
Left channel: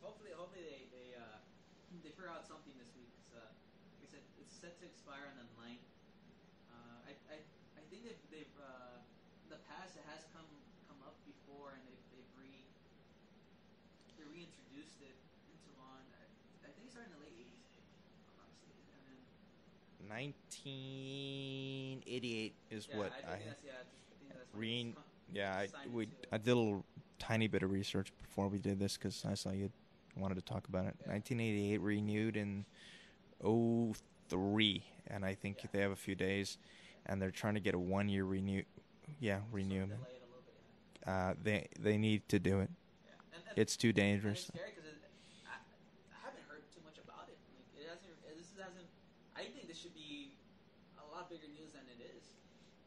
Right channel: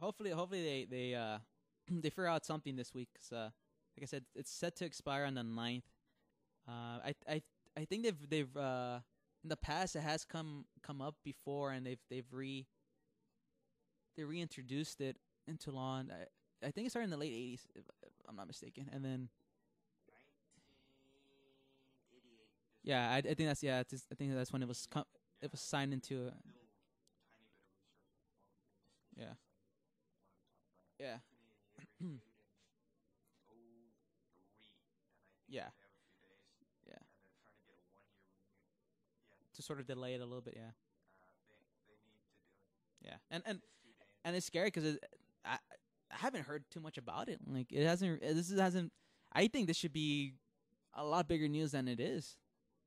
Hopefully they they figure out something this week. 'Cause, like I said, it's set to expire on the 9th. I think they've in the past it has come up before, and they reintroduced it into law. And I think it started in the late 80s, if I'm not mistaken, and then 1988 is I think that's when it was signed into it. I did a little tiny bit of research before we did this because I saw you wanted to talk about it. Yeah. 1988 renewed in 2003, and I think they have a few days, and they're trying to get a 1-year renew. Yeah, renew. Sort of delay it a little bit. Yeah. They need to do it. Yeah, and it's too dangerous. And it's scary because I haven't heard too much about it. Like it hasn't. This hasn't. I think this should be a lot bigger news than it is,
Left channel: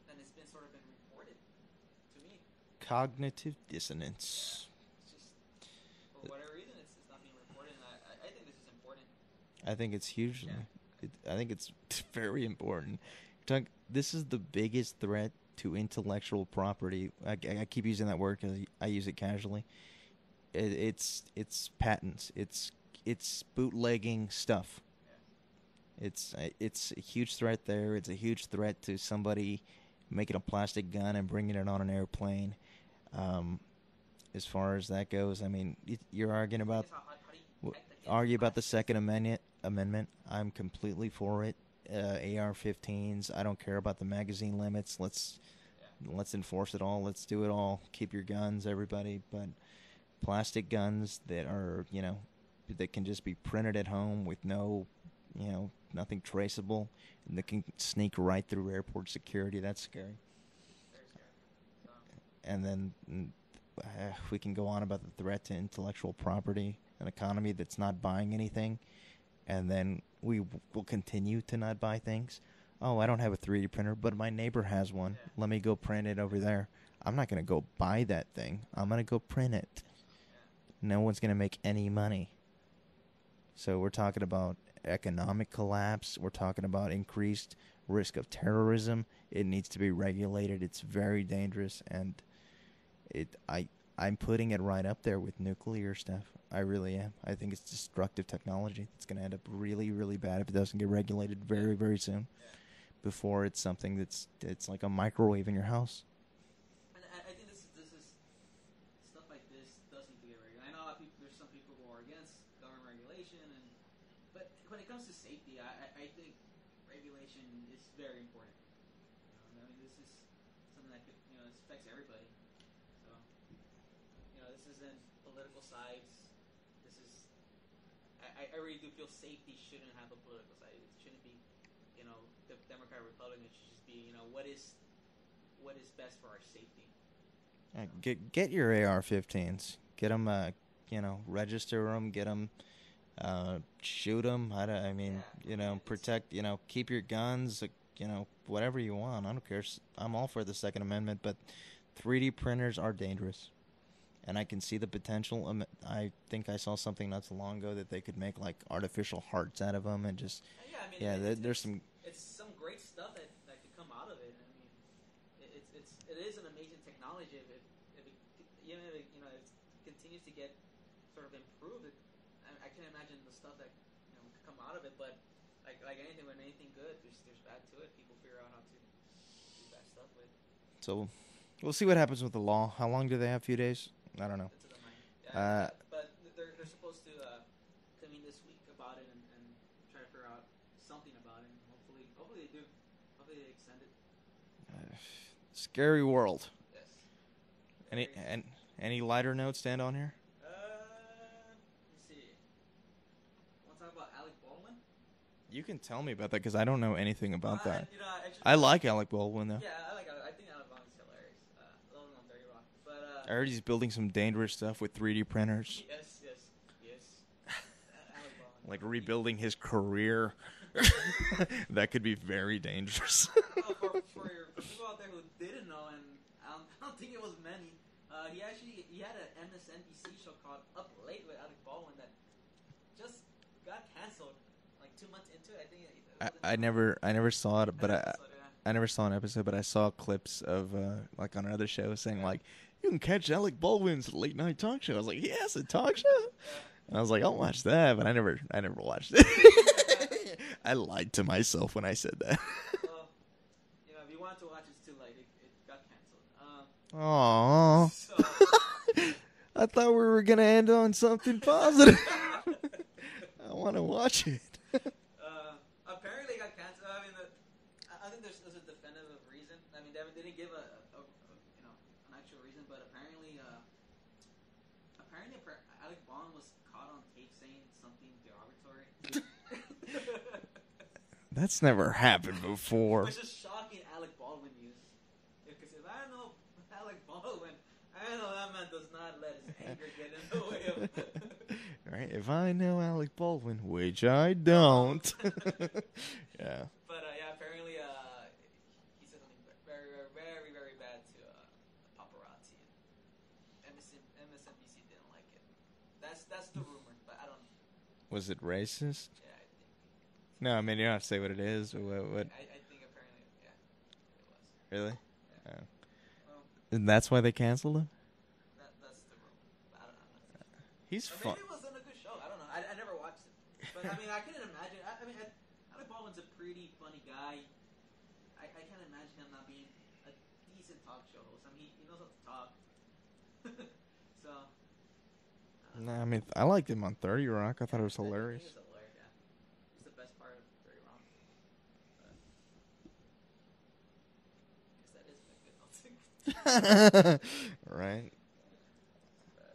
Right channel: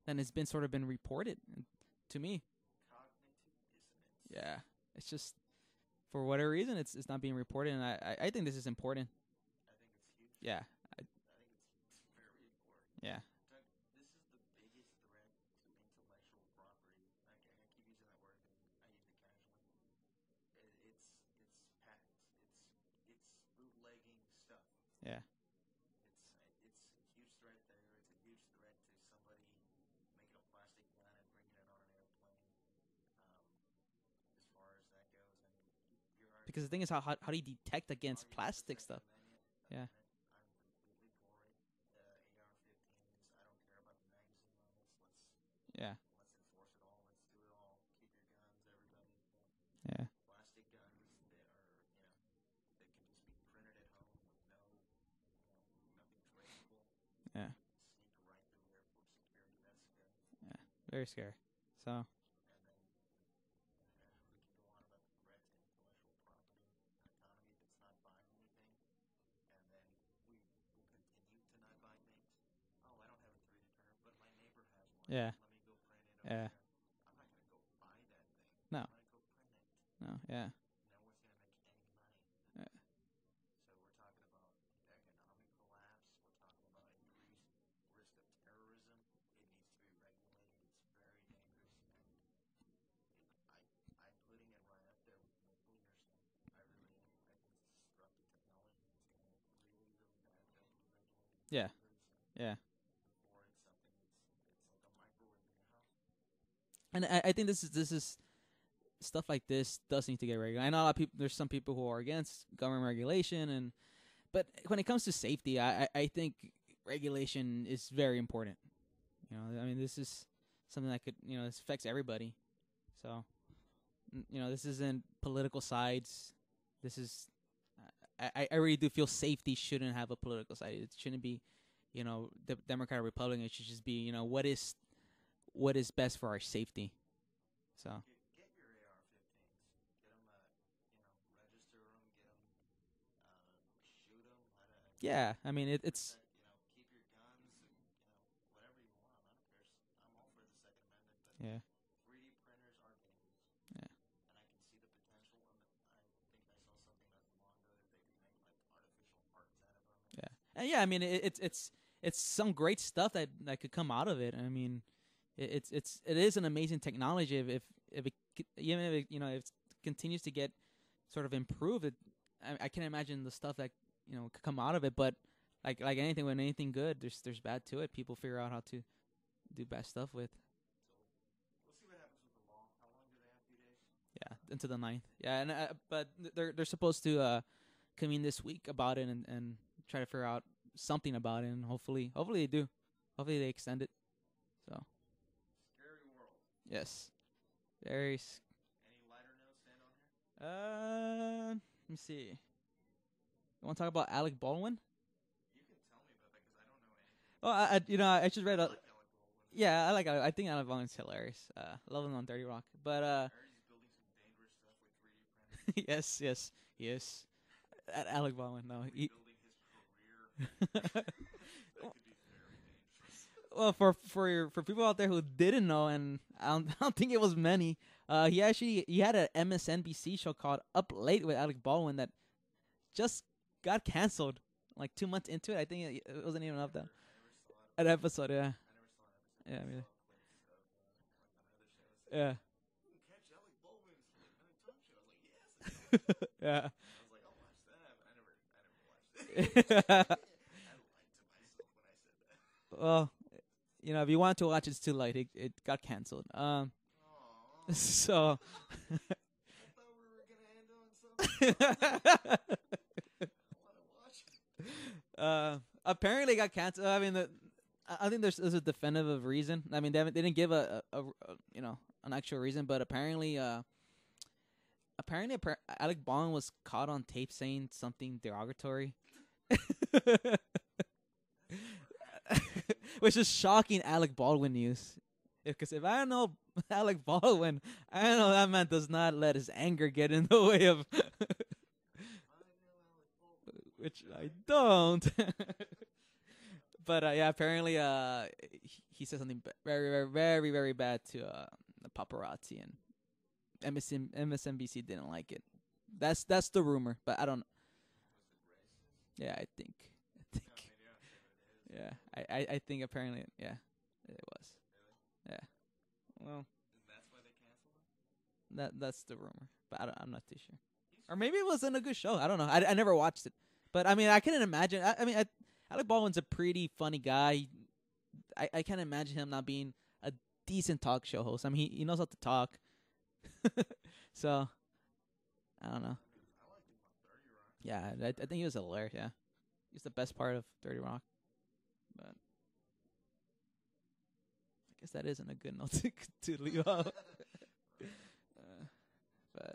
than it's been reported to me. Cognitive dissonance. Yeah, it's just for whatever reason it's not being reported, and I think this is important. I think it's huge. Yeah, I think it's very important. Yeah, this is the biggest threat to intellectual property. I keep using that word because I use it casually. It's patents. It's bootlegging stuff. Yeah. It's a huge threat there. It's a huge threat to somebody making a plastic gun and bringing it on an airplane. As far as that goes, I mean, you're arguing about. The thing is, how do you detect against? Argue about the Second stuff? Amendment. I'm completely for it. AR-15s. I don't care about the magazine limits. Let's enforce it all. Let's do it all. Keep your guns, everybody. But plastic guns that are that can just be printed at home with no. Nothing traceable, and that can sneak right through airport security. That's scary. Very scary. So. And then we can go on about the threat to intellectual property, an economy that's not buying anything, and then we will continue to not buy things. Oh, I don't have a 3D printer, but my neighbor has one. Yeah. Let me go print it over there. I'm not going to go buy that thing. No. I'm going to go print it. No. Yeah. No one's going to make any money. Yeah. So we're talking about economic collapse. We're talking about increased risk of terrorism. It needs to be regulated. It's very dangerous, and I'm putting it right up there with nuclear stuff. I really am. I think it's destructive technology. It's going to end up really, really bad if it doesn't get regulated very, very soon. Yeah. Before it's something it's like a microwave in your house. And I think this is stuff like this does need to get regulated. I know a lot of people. There's some people who are against government regulation, but when it comes to safety, I think regulation is very important. You know, I mean, this is something that could, this affects everybody. So, this isn't political sides. This is, I really do feel safety shouldn't have a political side. It shouldn't be, the Democrat or Republican. It should just be, what is best for our safety. So. Get your AR-15s. Get them, register them. Get them, shoot them. Protect. Keep your guns. Whatever you want. I don't care. I'm all for the Second Amendment, but 3D printers are dangerous. And I can see the potential. I think I saw something not so long ago that they could make like artificial hearts out of them and just. It's some great stuff that could come out of it. I mean, it is an amazing technology. If it continues to get sort of improved, I can imagine the stuff that could come out of it. But like anything, when anything good, there's bad to it. People figure out how to do bad stuff with. So, we'll see what happens with the law. How long do they have? A few days. I don't know. Into the 9th. Yeah, but they're supposed to convene this week about it and try to figure out something about it, and hopefully they do. Hopefully they extend it. So. Scary world. Yes. Any lighter notes stand on here? Let me see. You want to talk about Alec Baldwin? You can tell me about that because I don't know anything about that. I like Alec Baldwin though. Yeah, I think Alec Baldwin's hilarious. Love him on 30 Rock. But I heard he's building some dangerous stuff with 3D printers. yes. Alec Baldwin. Like rebuilding his career. That could be very dangerous. Well, for people out there who didn't know, and I don't think it was many, he had an MSNBC show called Up Late with Alec Baldwin that just got canceled. Like 2 months into it, I think it wasn't. I never saw it. But an episode, yeah. I never saw an episode, but I saw clips of like on another show saying like, you can catch Alec Baldwin's late night talk show. I was like, yes, a talk show. Yeah. And I was like, I'll watch that, but I never watched it. I lied to myself when I said that. Well, if you want to watch, it's too late. It got canceled. Aww. So. I thought we were gonna end on something positive. I want to watch it. Apparently, it got canceled. I mean, I think there's a definitive reason. I mean, they didn't give an actual reason, but apparently Alec Baldwin was caught on tape saying something derogatory. That's never happened before. Which is shocking Alec Baldwin news. Because if I know Alec Baldwin, I know that man does not let his anger get in the way of. Right? If I know Alec Baldwin, which I don't. Yeah. But apparently he said something very, very, very, very bad to the paparazzi, and MSNBC didn't like it. That's the rumor, but I don't know. Was it racist? Yeah, I think. No, I mean you don't have to say what it is. Yeah, what? I think apparently, it was. Really? Yeah. Oh. Well. And that's why they canceled him? That's the rumor, but I'm not too sure. Or maybe it wasn't a good show. I don't know. I never watched it, but I mean I couldn't imagine. Alec Baldwin's a pretty funny guy. I can't imagine him not being a decent talk show host. I mean he knows how to talk. So I don't know. I mean I liked him on 30 Rock. I thought it was hilarious. I think he was hilarious. Yeah, he's the best part of 30 Rock. That isn't a good note to right. But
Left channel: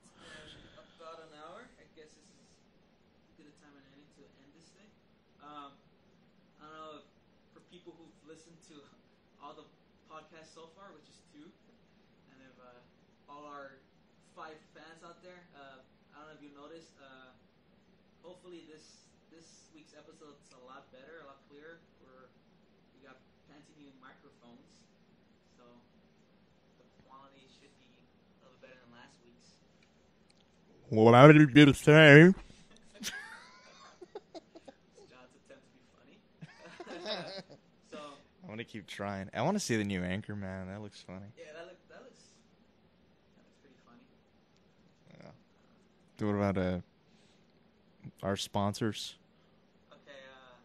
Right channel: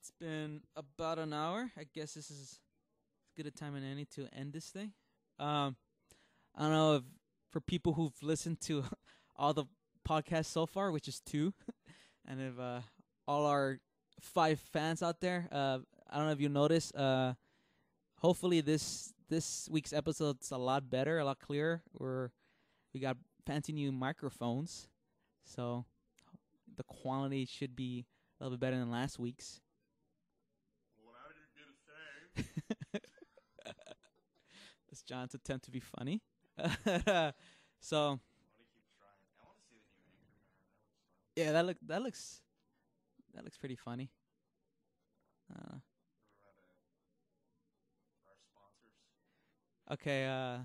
it's been about an hour. I guess this is as good a time as any to end this thing. I don't know if for people who've listened to all the podcasts so far, which is 2, and if all our 5 fans out there, I don't know if you noticed. Hopefully this week's episode's a lot better, a lot clearer. We got fancy new microphones, so the quality should be a little bit better than last week's. Well, I did the same. It's John's attempt to be funny. So I want to keep trying. I want to see the new Anchor Man. That looks funny. yeah, that looks pretty funny. Yeah. What about our sponsors? Okay, our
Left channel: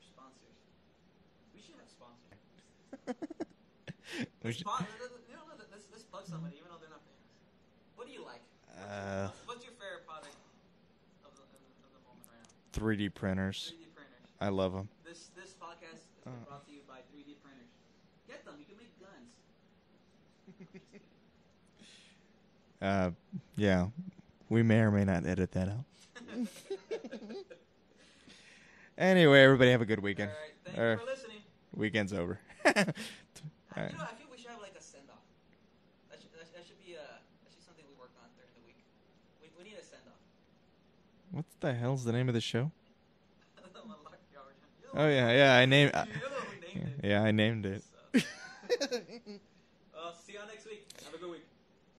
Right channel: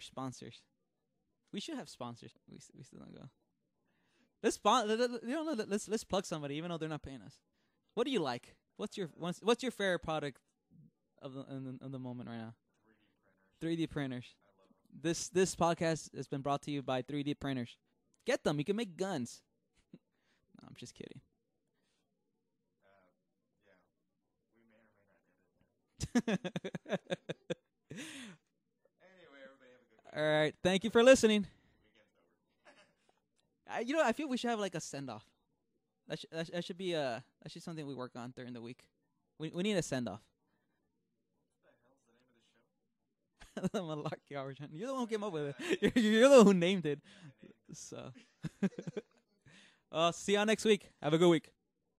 sponsors. We should have sponsors. We still don't go. Let's plug somebody, even though they're not paying us. What do you like? What's your favorite product of the moment right now? 3D printers. 3D printers. I love them. This podcast has been brought to you by 3D printers. Get them. You can make guns. No, I'm just kidding. Yeah. We may or may not edit that out. Anyway, everybody have a good weekend. All right. Thank you for listening. Weekend's over. I feel we should have like a send-off. That should be something we work on during the week. We need a send-off. What the hell's the name of the show? The Malarkey Hour. You're the Oh one I named. You're the one who named it. Yeah, I named it. So. See y'all next week. Have a good week.